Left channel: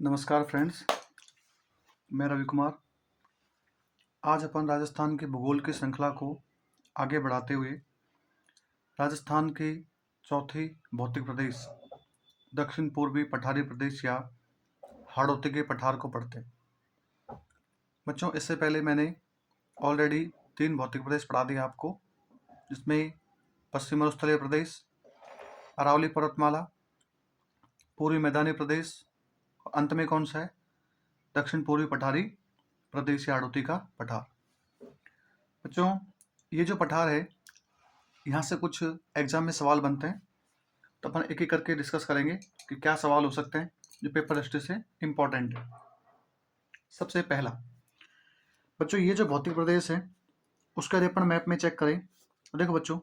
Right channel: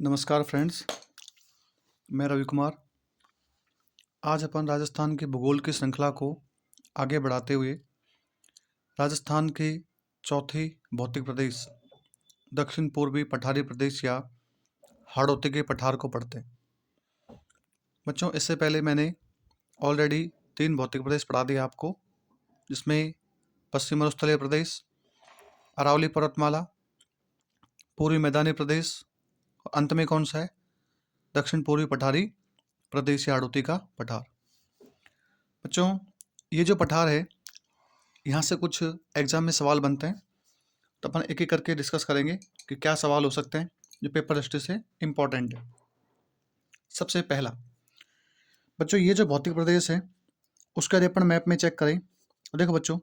नमस्कार फ्रेंड्स, मैं रवि कुमार। आज अपन राजस्थान की भूगोल की श्रृंखला को आगे बढ़ाते हुए राजस्थान के चौथे भौतिक प्रदेश दक्षिण पूर्वी पठारी प्रदेश या हाड़ौती के पठार को पढ़ते हैं। बच्चों, इससे पहले मैंने ऑलरेडी 3 भौतिक प्रदेश पढ़ा दिए आपको, जिसमें पश्चिम मरुस्थलीय प्रदेश, अरावली पर्वतमाला, पूर्वी मैदानी प्रदेश और अंत में कौन सा है, दक्षिण पूर्वी पठारी प्रदेश या हाड़ौती का पठार। बच्चों, ये जो पठार है, यहाँ से कुछ एग्जाम में सवाल बनते हैं, तो अपन एक एक करके डिस्कस करेंगे कि क्या सवाल हो सकते हैं जो पेपर दृष्टि से इम्पोर्टेंट है। सबसे पहला, बच्चों, ये जो भौतिक प्रदेश है उसका यदि अपन मैप में चेक करें तो देखो बच्चों,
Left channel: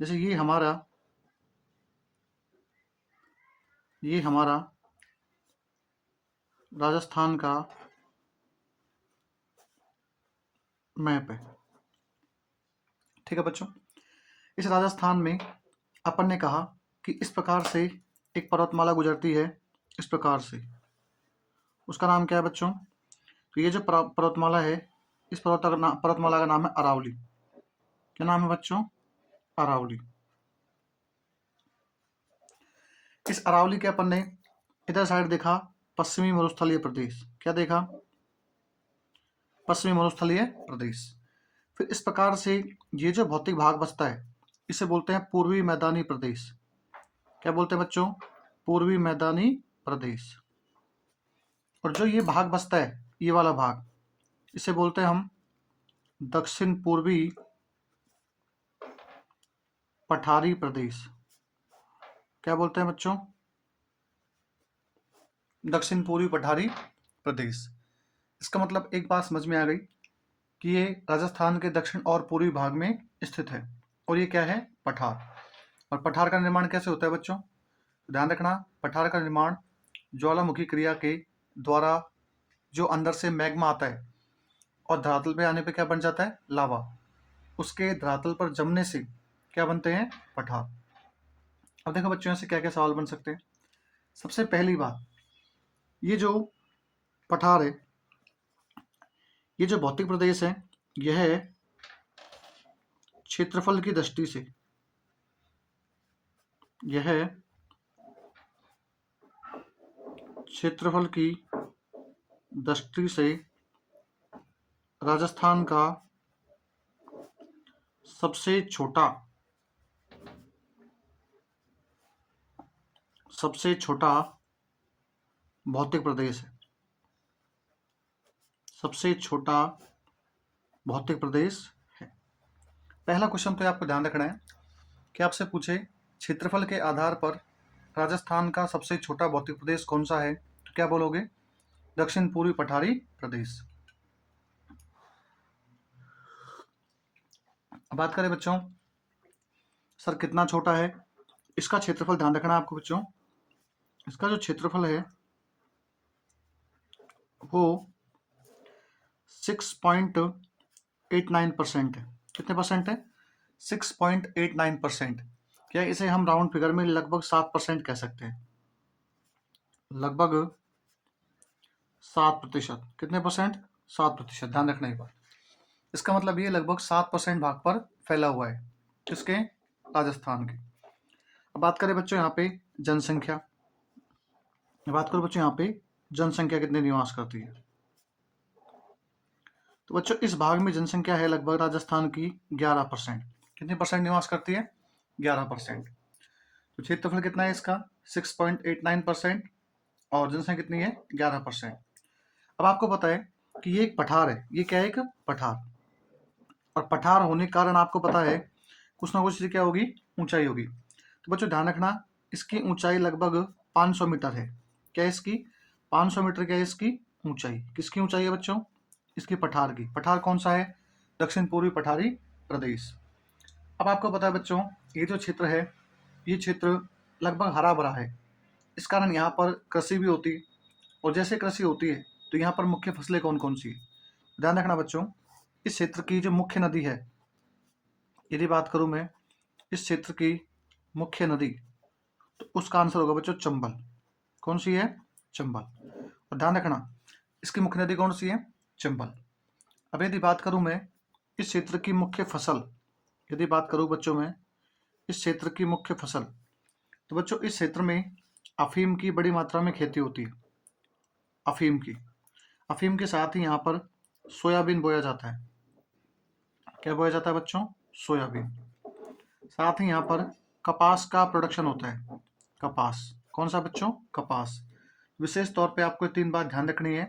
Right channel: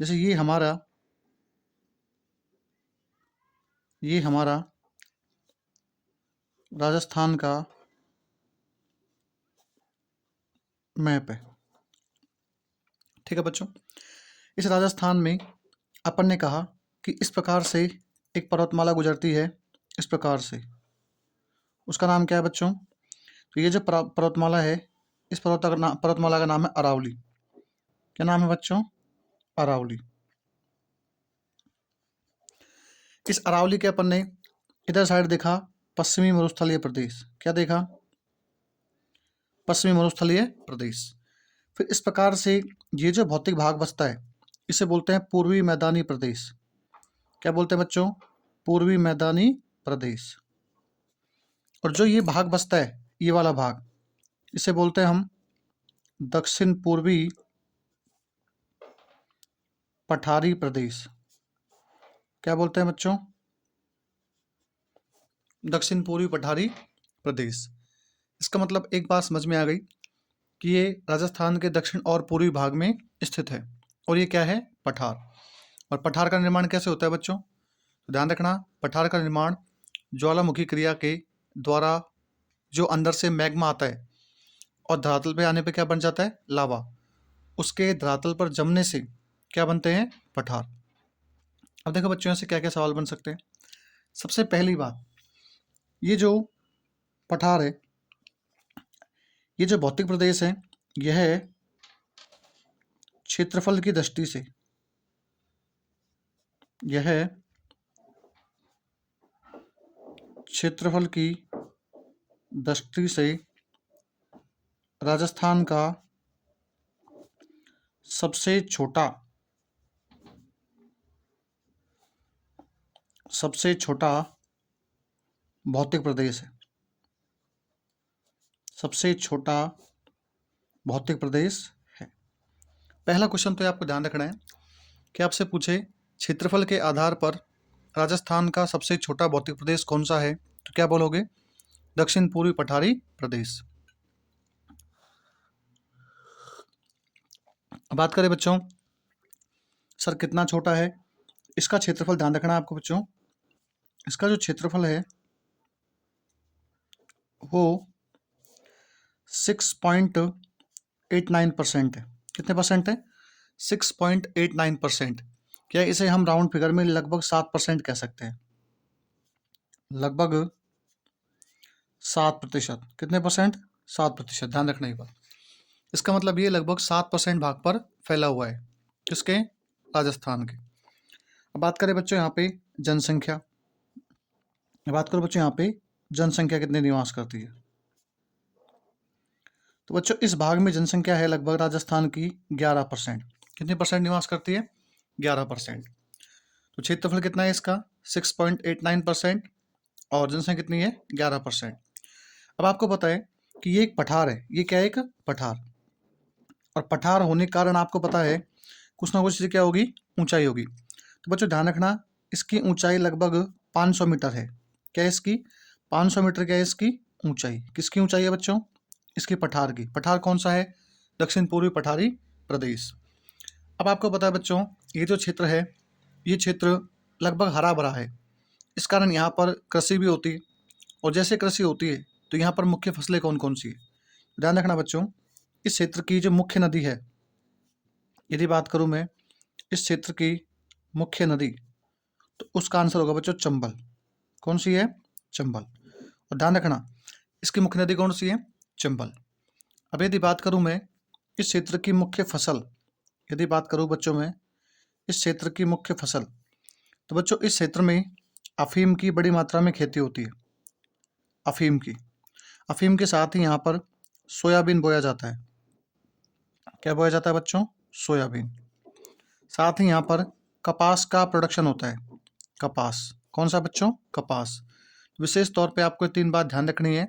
जैसे ये हमारा राजस्थान का मैप है। ठीक है बच्चों, इस राजस्थान में अपन ने कहा कि इस प्रकार से एक पर्वतमाला गुजरती है, इस प्रकार से। उसका नाम क्या है बच्चों? तो ये जो पर्वतमाला है, इस पर्वतमाला का नाम है अरावली। क्या नाम है बच्चों? अरावली। इस अरावली के अपन ने इधर साइड देखा पश्चिमी मरुस्थलीय प्रदेश। क्या देखा? पश्चिमी मरुस्थलीय प्रदेश। फिर इस प्रकार से ये जो भौतिक भाग बचता है इसे बोलते हैं पूर्वी मैदानी प्रदेश। क्या बोलते हैं बच्चों? पूर्वी मैदानी प्रदेश। और जो ये भाग बचता है, ये वाला भाग, इसे बोलते हैं हम दक्षिण पूर्वी पठारी प्रदेश। क्या बोलते हैं बच्चों? दक्षिण पूर्वी पठारी प्रदेश। इसका मतलब एक बात समझ में आ गई कि ये राजस्थान के दक्षिण और पूर्वी भाग में स्थित है, और ये क्या है? पठार। और पठार का निर्माण कैसे होता है बच्चों? तो ध्यान रखना, पठार का निर्माण ज्वालामुखी क्रिया के द्वारा जो अंदर से मैग्मा आता है और धरातल पे आने पे क्या बन जाता है? लावा। उसके धरातल पर जमने से क्या बनते हैं? पठार। अब देखो बच्चों, से क्या क्या सवाल बन सकते हैं। सबसे पहली बात, ये जो पठार है, ये जो भौतिक प्रदेश है, यह क्षेत्रफल की दृष्टि से, यह क्षेत्रफल की दृष्टि से राजस्थान का सबसे छोटा भौतिक प्रदेश है। सबसे छोटा भौतिक प्रदेश है। पहला क्वेश्चन तो आपको ध्यान रखना है कि आपसे पूछे क्षेत्रफल के आधार पर राजस्थान का सबसे छोटा भौतिक प्रदेश कौन सा है, तो क्या बोलोगे? दक्षिण पूर्वी पठारी प्रदेश। बात करें बच्चों, सर कितना छोटा है, इसका क्षेत्रफल ध्यान रखना आपको बच्चों। इसका जो क्षेत्रफल है वो 6.89% है। कितने परसेंट है? 6.89%। क्या इसे हम राउंड फिगर में लगभग 7% कह सकते हैं? लगभग 7%। कितने परसेंट? 7%। ध्यान रखना एक बात, इसका मतलब ये लगभग 7% भाग पर फैला हुआ है। किसके? राजस्थान के। अब बात करें बच्चों यहाँ पे जनसंख्या, जनसंख्या कितनी निवास करती है? तो बच्चों, इस भाग में जनसंख्या है लगभग राजस्थान की 11%। कितनी परसेंट निवास करती है? 11%। तो क्षेत्रफल कितना है इसका? 6.89%, और जनसंख्या कितनी है? 11%। अब आपको पता है कि ये एक पठार है। ये क्या है? एक पठार। और पठार होने के कारण आपको पता है कुछ ना कुछ क्या होगी? ऊंचाई होगी। तो बच्चों ध्यान रखना, इसकी ऊंचाई लगभग 500 मीटर है। क्या है इसकी? 500 मीटर। क्या है इसकी ऊंचाई? किसकी ऊंचाई है बच्चों? इसकी पठार की। पठार कौन सा है? दक्षिण पूर्वी पठारी प्रदेश। अब आपको पता है बच्चों, ये जो क्षेत्र है, ये क्षेत्र लगभग हरा भरा है। इस कारण यहाँ पर कृषि भी होती है, और जैसे कृषि होती है तो यहाँ पर मुख्य फसलें कौन कौन सी है? ध्यान रखना बच्चों, इस क्षेत्र की जो मुख्य नदी है, यदि बात करूँ मैं इस क्षेत्र की मुख्य नदी, तो उसका आंसर होगा बच्चों चंबल। कौन सी है? चंबल। और ध्यान रखना इसकी मुख्य नदी कौन सी है, चंबल। अब यदि बात करूं मैं इस क्षेत्र की मुख्य फसल, यदि बात करूं बच्चों में इस क्षेत्र की मुख्य फसल, तो बच्चों इस क्षेत्र में अफीम की बड़ी मात्रा में खेती होती है। अफीम के साथ ही यहाँ पर सोयाबीन बोया जाता है। क्या बोया जाता है बच्चों, सोयाबीन। साथ ही यहाँ पर कपास का प्रोडक्शन होता है। कपास कौन सा बच्चों, कपास। विशेष तौर पे आपको 3 बात ध्यान रखनी है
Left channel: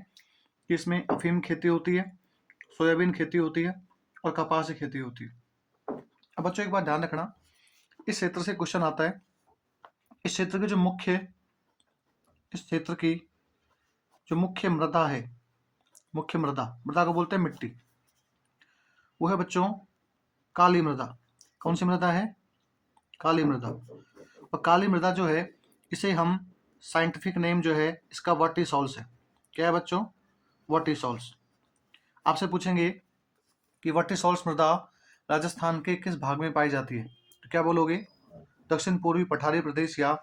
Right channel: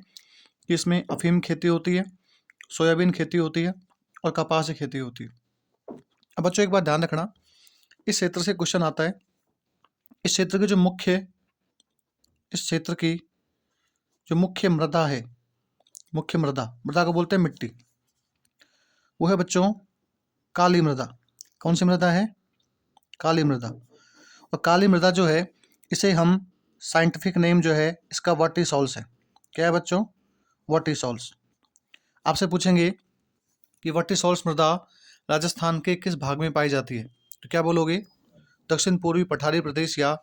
कि इसमें अफीम खेती होती है, सोयाबीन खेती होती है और कपास की खेती होती है। अब बच्चों एक बात ध्यान रखना, इस क्षेत्र से क्वेश्चन आता है, इस क्षेत्र की जो मुख्य मृदा है, मुख्य मृदा को बोलते हैं मिट्टी, वो है बच्चों काली मृदा। कौन सी मृदा है, काली मृदा। और काली मृदा जो है इसे हम साइंटिफिक नेम जो है इसका वर्टिसॉल्स है। क्या है बच्चों, वर्टिसॉल्स। आपसे पूछेंगे कि वर्टिसॉल्स मृदा राजस्थान के किस भाग में पाई जाती है, तो क्या बोलोगे, दक्षिण पूर्वी पठारी प्रदेश या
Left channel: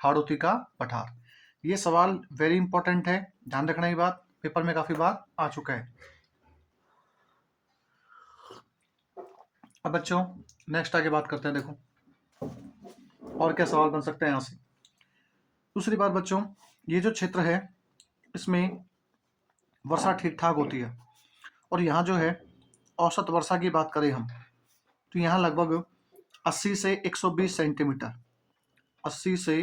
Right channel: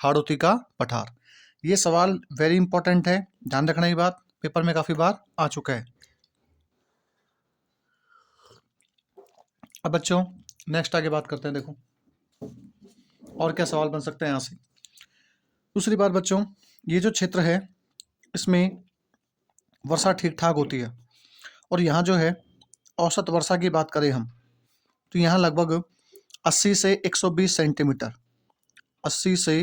हाड़ौती का पठार। ये सवाल वेरी इंपॉर्टेंट है, ध्यान रखना, ये बात पेपर में काफी बार आ चुका है। अब बच्चों नेक्स्ट आगे बात करते हैं, देखो और क्या सवाल बन सकते हैं यहाँ से। दूसरी बात बच्चों, ये जो क्षेत्र है इसमें वर्षा ठीक ठाक होती है, और यहाँ जो है औसत वर्षा की बात करें हम तो यहाँ लगभग 80 से 120 सेंटीमीटर, 80 से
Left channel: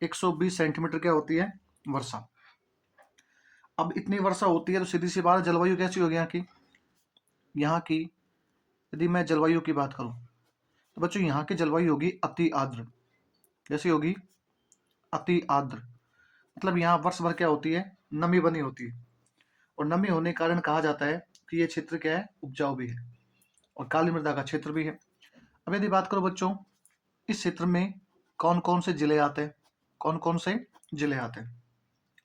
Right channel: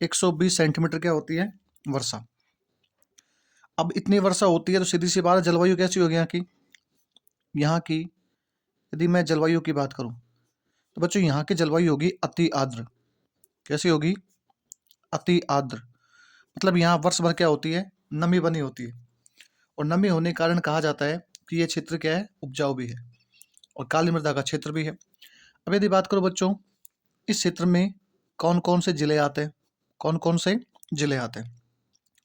120 सेंटीमीटर क्या होती है, वर्षा। अब इतनी वर्षा होती है तो सीधी सी बात, जलवायु कैसी होगी यहाँ की यदि मैं जलवायु की बात करूँ तो बच्चों यहाँ की जलवायु होगी अति आर्द्र। कैसी होगी, अति आर्द्र। मतलब यहाँ वर्ष भर क्या होती है, नमी बनी होती है, और नमी होने के कारण कहा जाता है कि ये क्षेत्र क्या है, उपजाऊ भी है और काली मृदा का क्षेत्र भी है। अब यदि बात करो बच्चों इस क्षेत्र में कौन कौन से जिले आते हैं, कौन कौन से जिले आते हैं,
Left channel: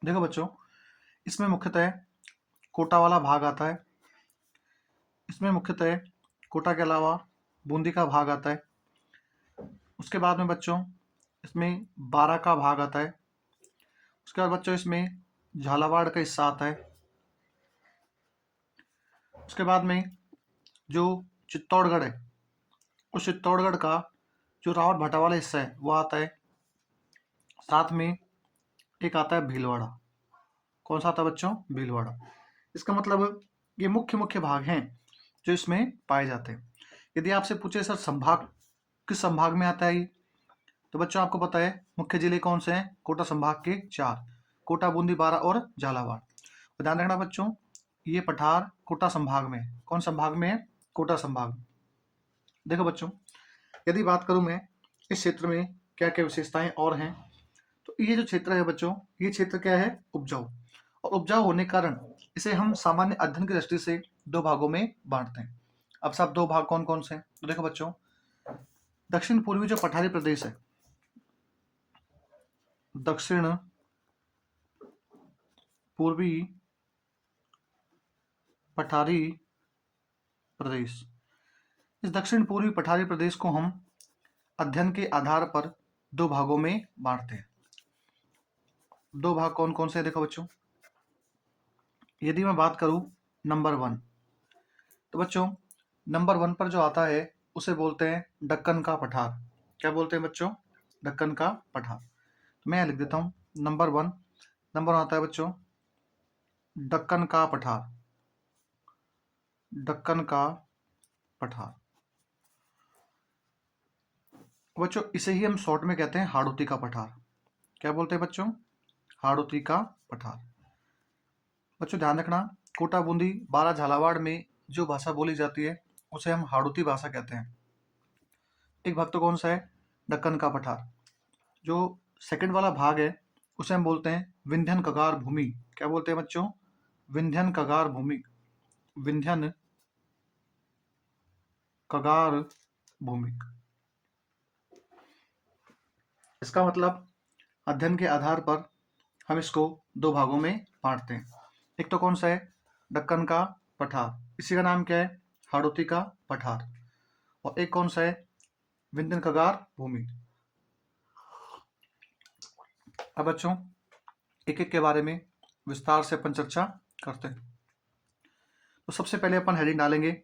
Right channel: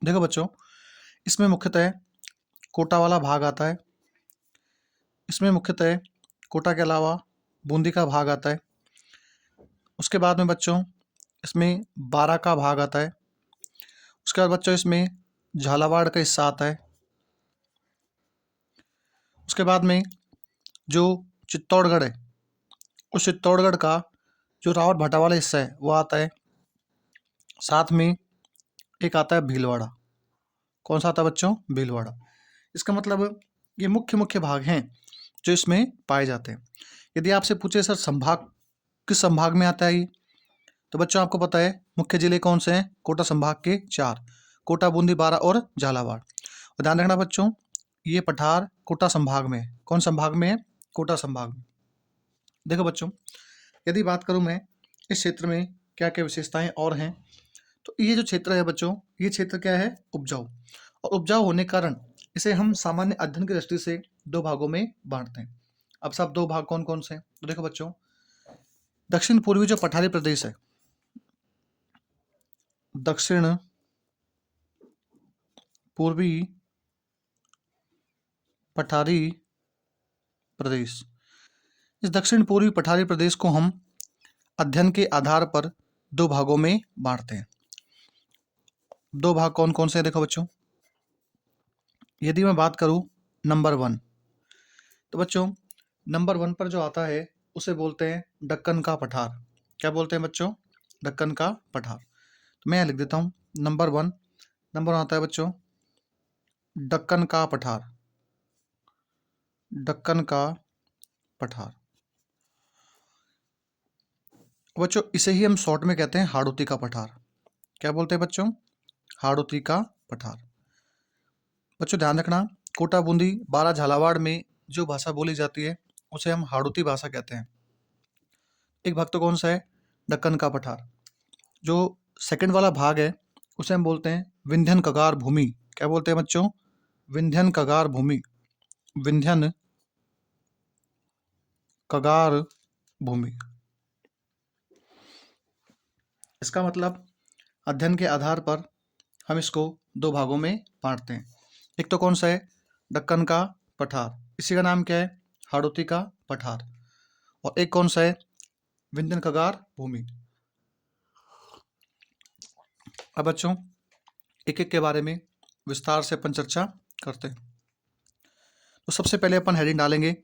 देखो बच्चों इसमें मुख्यतः कोटा वाला भाग आता है, इसमें मुख्यतः कोटा के अलावा बूंदी का भाग आता है। उसके बाद में बच्चों इसमें बारा का भाग आता है। उसके बाद बच्चों इसमें झालावाड़ का हिस्सा आता है। उसके बाद में जो चित्तौड़गढ़ है उस चित्तौड़गढ़ का जो रावत भाटा वाला हिस्सा है वो आता है। साथ में एक आता है भीलवाड़ा। कौन सा आता है बच्चों, भीलवाड़ा। इसका मतलब ये मुख्य मुख्य भाग हैं जो इसमें पाए जाते हैं। यदि आपसे पूछे सर संभाग किस संभाग में आता है ये, तो बच्चों आपको पता है मुख्य जिले कौन से हैं, कोटा संभाग के 4, कोटा, बूंदी, बारा और झालावाड़। और ध्यान रखना बच्चों ये पठार कोटा संभाग में है। कौन संभाग में है, कोटा संभाग में। देखो बच्चों यदि बात करूं मैं इस क्षेत्र में क्या क्या विशेषताएं और हैं, तो ये जो क्षेत्र है बच्चों ये क्षेत्र क्या है, उपजाऊ। और उपजाऊ होने के कारण इसे हम सामान्य अध्ययन की दृष्टि से 2 भागों में बांटते हैं। अब सब 2 भाग कौन कौन से हैं, तो देखो बच्चों दक्षिण पूर्वी जो पठारी प्रदेश है, दक्षिण पूर्वी पठारी प्रदेश, इस दक्षिण पूर्वी पठारी प्रदेश को हम अध्ययन के आधार पर 2 भागों में बांटते हैं। 2 भाग कौन कौन से हैं, देखो बच्चों यदि मैं बात करूं नंबर 1, तो बच्चों नंबर 1 पर जो आता है उसे बोलते हैं दक्कन का पठार। क्या बोलते हैं बच्चों, दक्कन का पठार। तो मैं यहाँ लिख देता हूँ नंबर 1, नंबर 1 आता है बच्चों दक्कन का पठार, दक्कन का पठार। बच्चों इसे ही हम शॉर्ट में कहते हैं हाड़ौती का पठार। क्या बोलते हैं बच्चों, हाड़ौती का पठार। बच्चों ध्यान रखना कोटा, बूंदी, बारा, झालावाड़ में जो भाषा बोली जाती है उसे हम हाड़ौती भाषा कहते हैं। एक भाग तो कौन सा है, दक्कन का पठार। जो सेकंड वाला भाग है उसे हम बोलते हैं विंध्यन कगार भूमि। क्या बोलते हैं बच्चों, विंध्यन कगार भूमि, विंध्यन कगार भूमि। इसका मतलब अध्ययन के आधार पर हम इसको 2 भागों में बांटते हैं। एक तो कौन सा है, दक्कन का पठार, इसी का नाम क्या है, हाड़ौती का पठार। और एक कौन सा है, विंध्यन कगार भूमि। अब बच्चों एक एक के बारे में विस्तार से अपन चर्चा करते हैं। तो सबसे पहले अपन हेडिंग डालेंगे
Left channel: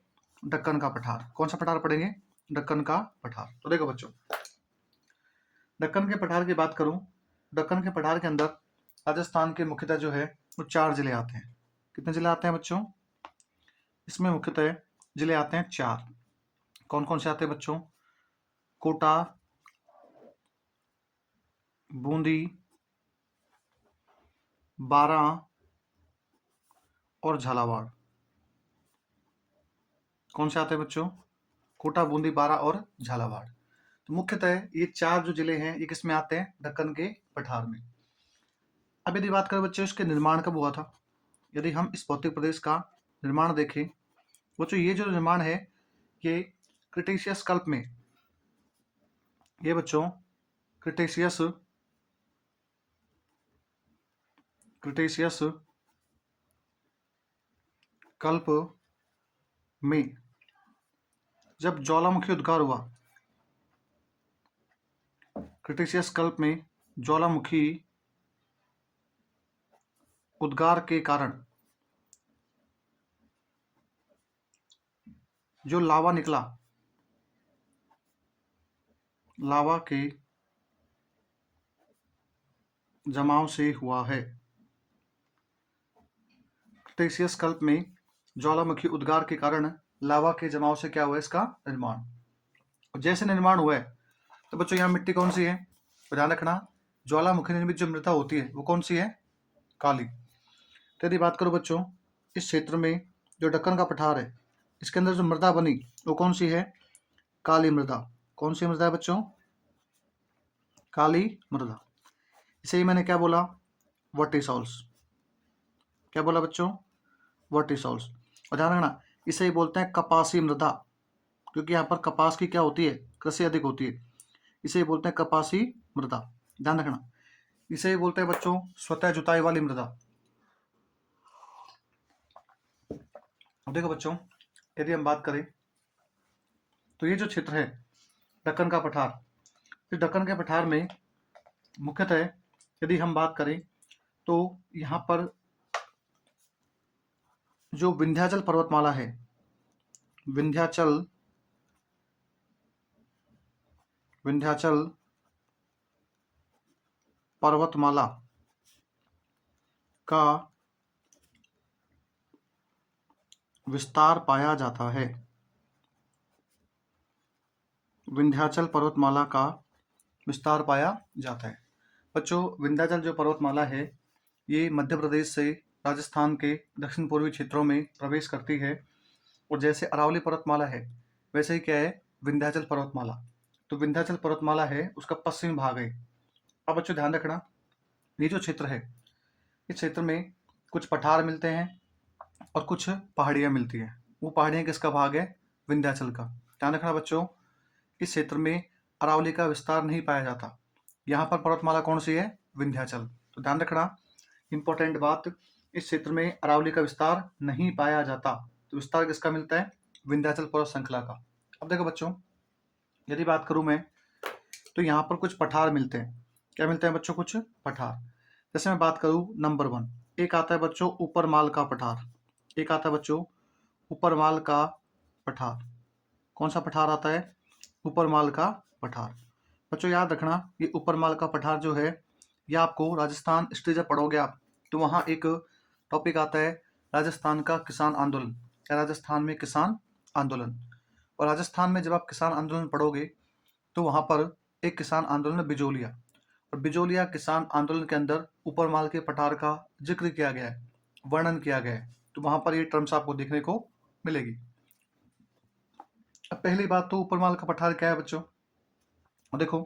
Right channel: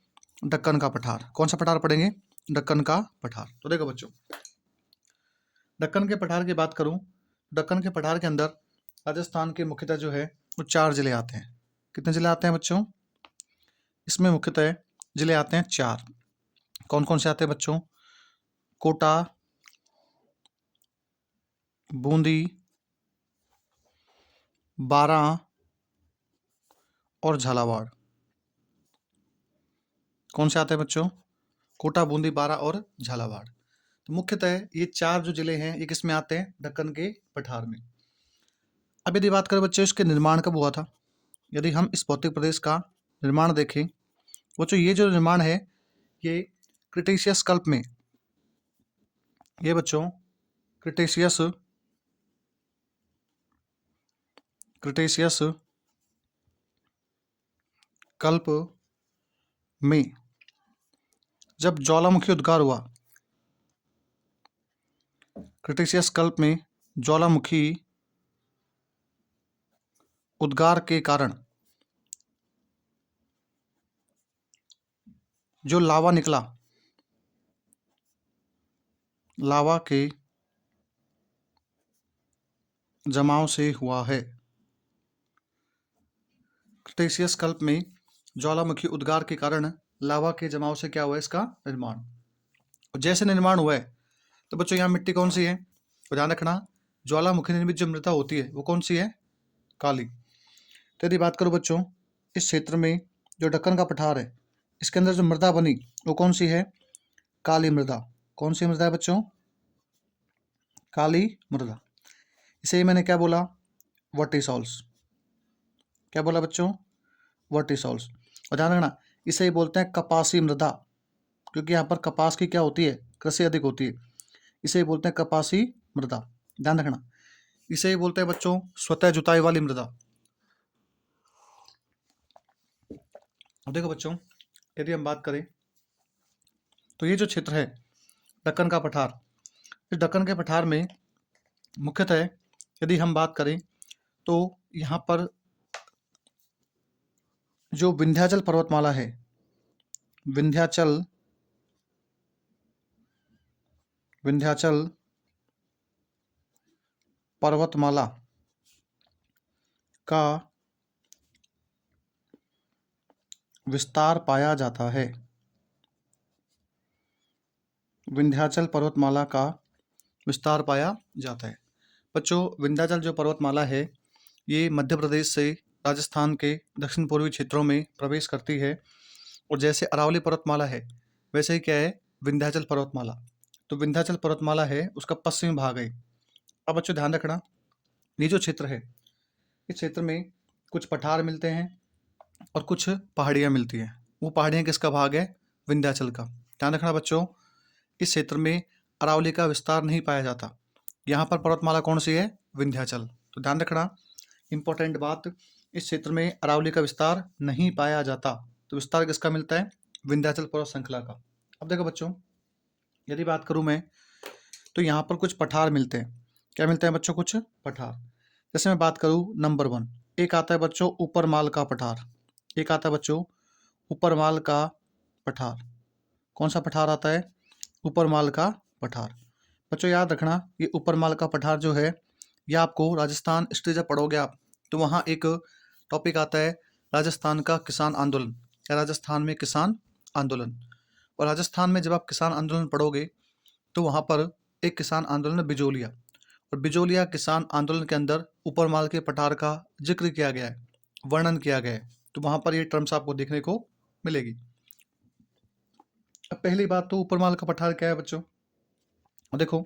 दक्कन का पठार। कौन सा पठार पढ़ेंगे? दक्कन का पठार। तो देखो बच्चों, दक्कन के पठार की बात करूं, दक्कन के पठार के अंदर राजस्थान के मुख्यतः जो है वो 4 जिले आते हैं। कितने जिले आते हैं बच्चों? इसमें मुख्यतः जिले आते हैं 4। कौन कौन से आते हैं बच्चों? कोटा, बूंदी, बारां और झालावाड़। कौन से आते हैं बच्चों? कोटा, बूंदी, बारां और झालावाड़। तो मुख्यतः ये 4 जो जिले हैं ये किस में आते हैं? दक्कन के पठार में। अब यदि बात करें बच्चों इसके निर्माण कब हुआ था, यदि हम इस भौतिक प्रदेश का निर्माण देखें बच्चों, ये जो निर्माण है ये क्रिटेशियस कल्प में, ये बच्चों क्रिटेशियस कल्प में जब ज्वालामुखी उद्गार हुआ, क्रिटेशियस कल्प में ज्वालामुखी उद्गार के कारण जो लावा निकला, लावा के जमाव से हुआ है। क्रिटेशियस कल्प में ज्वालामुखी उद्गार के कारण लावा के जमाव से क्या हुआ? इसका निर्माण। जैसे निर्माण हुआ है तो बच्चों यहाँ मिट्टी कौन सी है? तो ध्यान रखना, ज्वालामुखी निर्मित जो मृदा होती है वो कौन सी है? काली। तो यदि बात करो बच्चों इस क्षेत्र में जो दक्कन का पठार है इसके अंदर जो मृदा बनी वो कौन सी है? काली मृदा। कौन सी मृदा है बच्चों? काली मृदा। इसे ही मैंने क्या बोला? वर्टिसॉल्स। क्या बोला बच्चों? वर्टिसॉल्स। और ध्यान रखना इसे ही बोलते हैं कपासी मृदा, क्योंकि यहाँ पर कपास की क्या होती है? कृषि अधिक होती है। इसे ही बोलते हैं कपासी मृदा। ध्यान रखना इसे ही बोलते हैं बच्चों स्वतः जुताई वाली मृदा। अब देखो बच्चों यदि हम बात करें तो ये जो क्षेत्र है दक्कन का पठार, इस दक्कन के पठार में मुख्यतः यदि हम बात करें तो यहाँ पर जो विंध्याचल पर्वतमाला है, विंध्याचल पर्वतमाला का विस्तार पाया जाता है। विंध्याचल पर्वतमाला का विस्तार पाया जाता है। बच्चों विंध्याचल जो पर्वतमाला है ये मध्य प्रदेश से राजस्थान के दक्षिण पूर्वी क्षेत्रों में प्रवेश करती है, और जैसे अरावली पर्वतमाला है वैसे ही क्या है? विंध्याचल पर्वतमाला। तो विंध्याचल पर्वतमाला है उसका पश्चिमी भाग है। अब बच्चों ध्यान रखना ये जो क्षेत्र है इस क्षेत्र में कुछ पठार मिलते हैं और कुछ पहाड़ियाँ मिलती हैं। वो पहाड़ियाँ किसका भाग है? विंध्याचल का। ध्यान रखना बच्चों इस क्षेत्र में अरावली का विस्तार नहीं पाया जाता। यहाँ पर पर्वतमाला कौन सी है? विंध्याचल। तो ध्यान रखना इंपॉर्टेंट बात, इस क्षेत्र में अरावली का विस्तार नहीं पाया जाता। तो विस्तार किसका मिलता है? विंध्याचल पर्वत श्रृंखला का। अब देखो बच्चों यदि बात करूं मैं तो यहाँ पर कुछ पठार मिलते हैं। क्या मिलते हैं बच्चों? कुछ पठार। जैसे मैं बात करूं नंबर 1, एक आता है बच्चों ऊपर माल का पठार। एक आता है बच्चों ऊपर माल का पठार। कौन सा पठार आता है? ऊपर माल का पठार। बच्चों याद रखना ये ऊपर माल का पठार जो है ये आपको राजस्थान हिस्ट्री जब पढ़ोगे आप तो वहाँ एक टॉपिक आता है राजस्थान का किसान आंदोलन या राजस्थान में किसान आंदोलन। और राजस्थान में जब आप किसान आंदोलन पढ़ोगे तो वहाँ पर एक किसान आंदोलन है बिजोलिया, और बिजोलिया किसान आंदोलन के अंदर ऊपर माल के पठार का जिक्र किया गया है, वर्णन किया गया है। तो वहाँ पर ये टर्म्स आपको देखने को मिलेगी। अब पहली बात तो ऊपर माल का पठार क्या है बच्चों? और देखो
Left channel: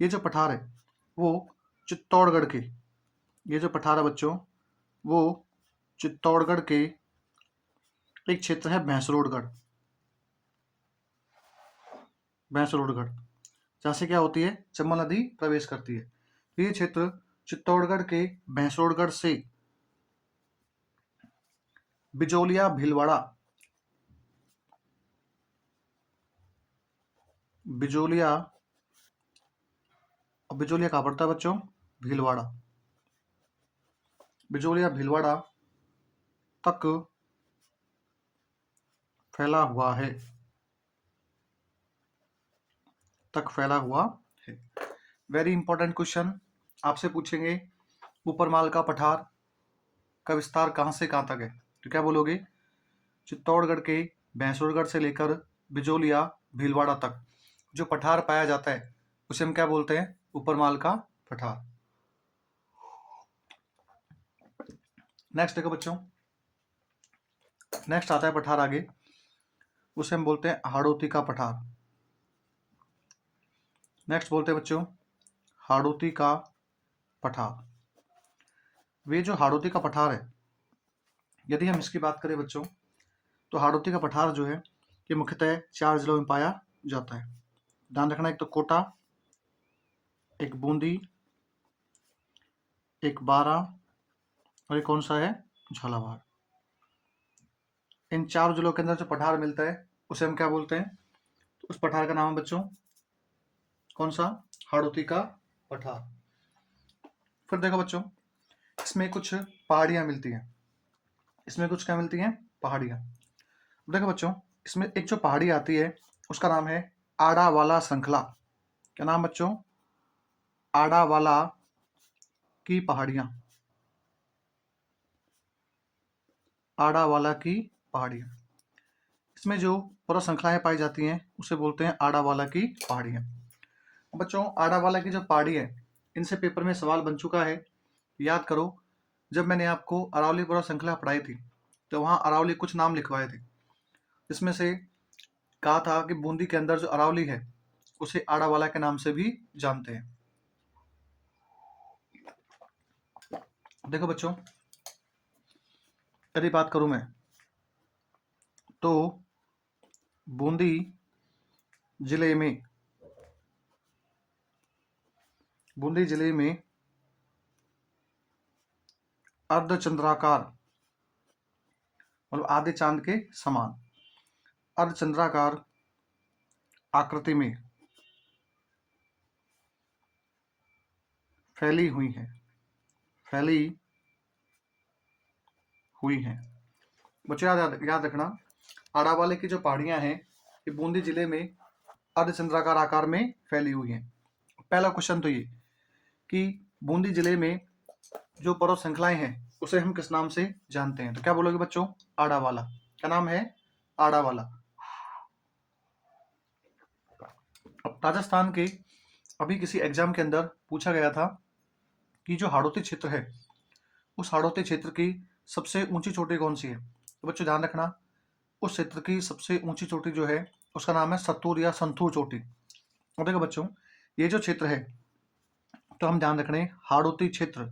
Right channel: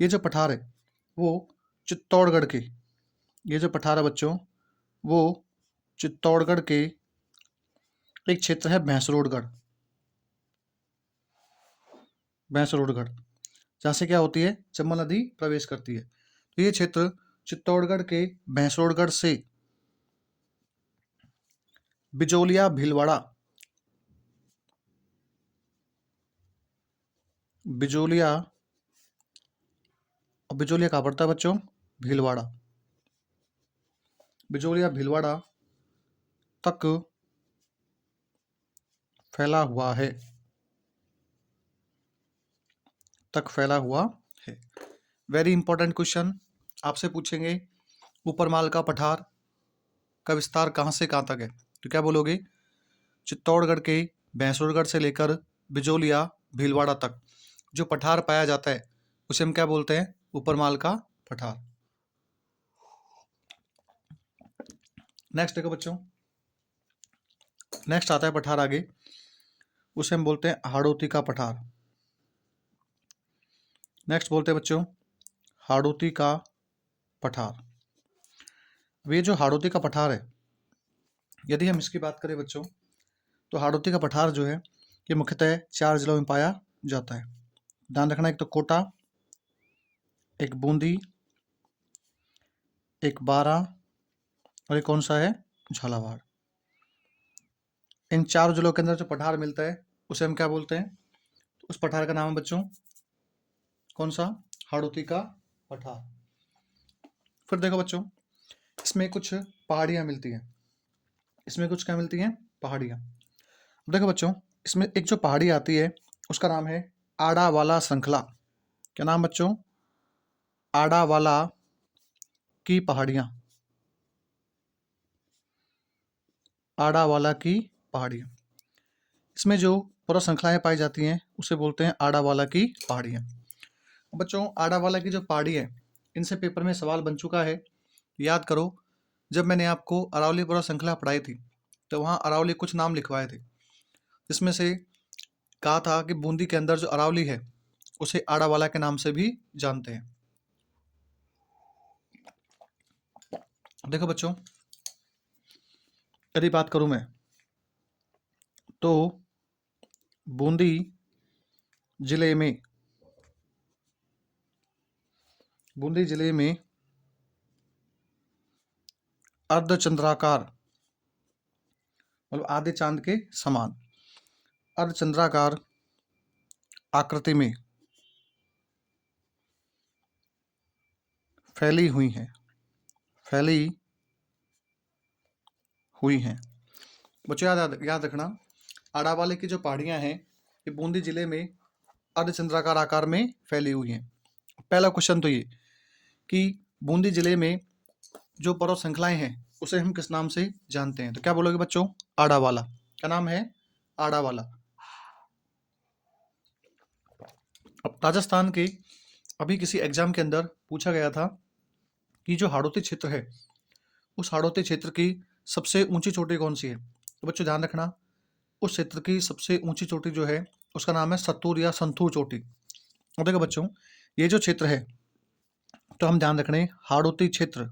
ये जो पठार है वो चित्तौड़गढ़ के, ये जो पठार है बच्चों वो चित्तौड़गढ़ के एक क्षेत्र है भैंसरोडगढ़। भैंसरोडगढ़ जहाँ से क्या होती है? चंबल नदी प्रवेश करती है। तो ये क्षेत्र चित्तौड़गढ़ के भैंसरोडगढ़ से बिजोलिया भीलवाड़ा, बिजोलिया, और बिजोलिया कहाँ पड़ता है बच्चों? भीलवाड़ा। बिजोलिया भीलवाड़ा तक फैला हुआ है, तक फैला हुआ है। वेरी इंपॉर्टेंट क्वेश्चन आपसे पूछेंगे, ऊपरमाल का पठार का विस्तार कहाँ से कहाँ तक है? तो क्या बोलोगे? चित्तौड़गढ़ के भैंसुरगढ़ से लेकर बिजोलिया भीलवाड़ा तक जो पठार पाया जाता है उसे हम क्या बोलते हैं? ऊपरमाल का पठार। नेक्स्ट देखो बच्चों, नेक्स्ट आता है पठार आगे, उसे हम बोलते हैं हाड़ौती का पठार। नेक्स्ट बोलते हैं बच्चों हाड़ौती का पठार। वे जो हाड़ौती का पठार है, यदि हम इसकी बात करें बच्चों, तो हाड़ौती का पठार जो है ये मुख्यतः 4 जिलों में पाया जाता है। ध्यान रखना, एक तो कोटा, एक बूंदी, एक बारा और एक कौन सा है? झालावाड़। इन 4 जिलों के अंदर जो पठार मिलता है उसे हम क्या बोलते हैं? उस पठार का नाम है बच्चों कौन सा? हाड़ौती का पठार। फिर देखो बच्चों, इसमें कुछ पहाड़ियाँ मिलती हैं। इसमें कुछ क्या मिलती हैं? पहाड़ियाँ। देखो बच्चों, इसमें एक जो पहाड़ी आती है उसका नाम है आड़ावाला श्रृंखला। क्या नाम बच्चों? आड़ावाला की पहाड़ियाँ। आड़ावाला की पहाड़ियाँ, इसमें जो पूरा श्रृंखलाएं पाई जाती हैं उसे बोलते हैं आड़ावाला की पहाड़ियाँ। बच्चों आड़ावाला की जो पहाड़ी है, इनसे पेपर में सवाल बन चुका है। याद करो, जब मैंने आपको अरावली पूरा श्रृंखला पढ़ाई थी तो वहाँ अरावली कुछ नाम लिखवाए थे, जिसमें से कहा था कि बूंदी के अंदर जो अरावली है उसे आड़ावाला के नाम से भी जानते हैं। देखो बच्चों, यदि बात करूं मैं तो बूंदी जिले में अर्धचंद्राकार, मतलब आधे चांद के समान अर्धचंद्राकार आकृति में फैली हुई है बच्चों याद रखना, आड़ावाले की जो पहाड़ियां हैं ये बूंदी जिले में अर्धचंद्राकार आकार में फैली हुई हैं। पहला क्वेश्चन तो ये कि बूंदी जिले में जो पर्वत श्रृंखलाएं हैं उसे हम किस नाम से जानते हैं? तो क्या बोलोगे बच्चों? आड़ावाला। क्या नाम है? आड़ावाला। अब राजस्थान के अभी किसी एग्जाम के अंदर पूछा गया था कि जो हाड़ौती क्षेत्र है उस हाड़ौती क्षेत्र की सबसे ऊंची चोटी कौन सी है? तो बच्चों ध्यान रखना, उस क्षेत्र की सबसे ऊंची चोटी जो है उसका नाम है सत्तूर या संथूर चोटी। और देखो बच्चों, ये जो क्षेत्र है तो हम ध्यान रखने हाड़ौती क्षेत्र,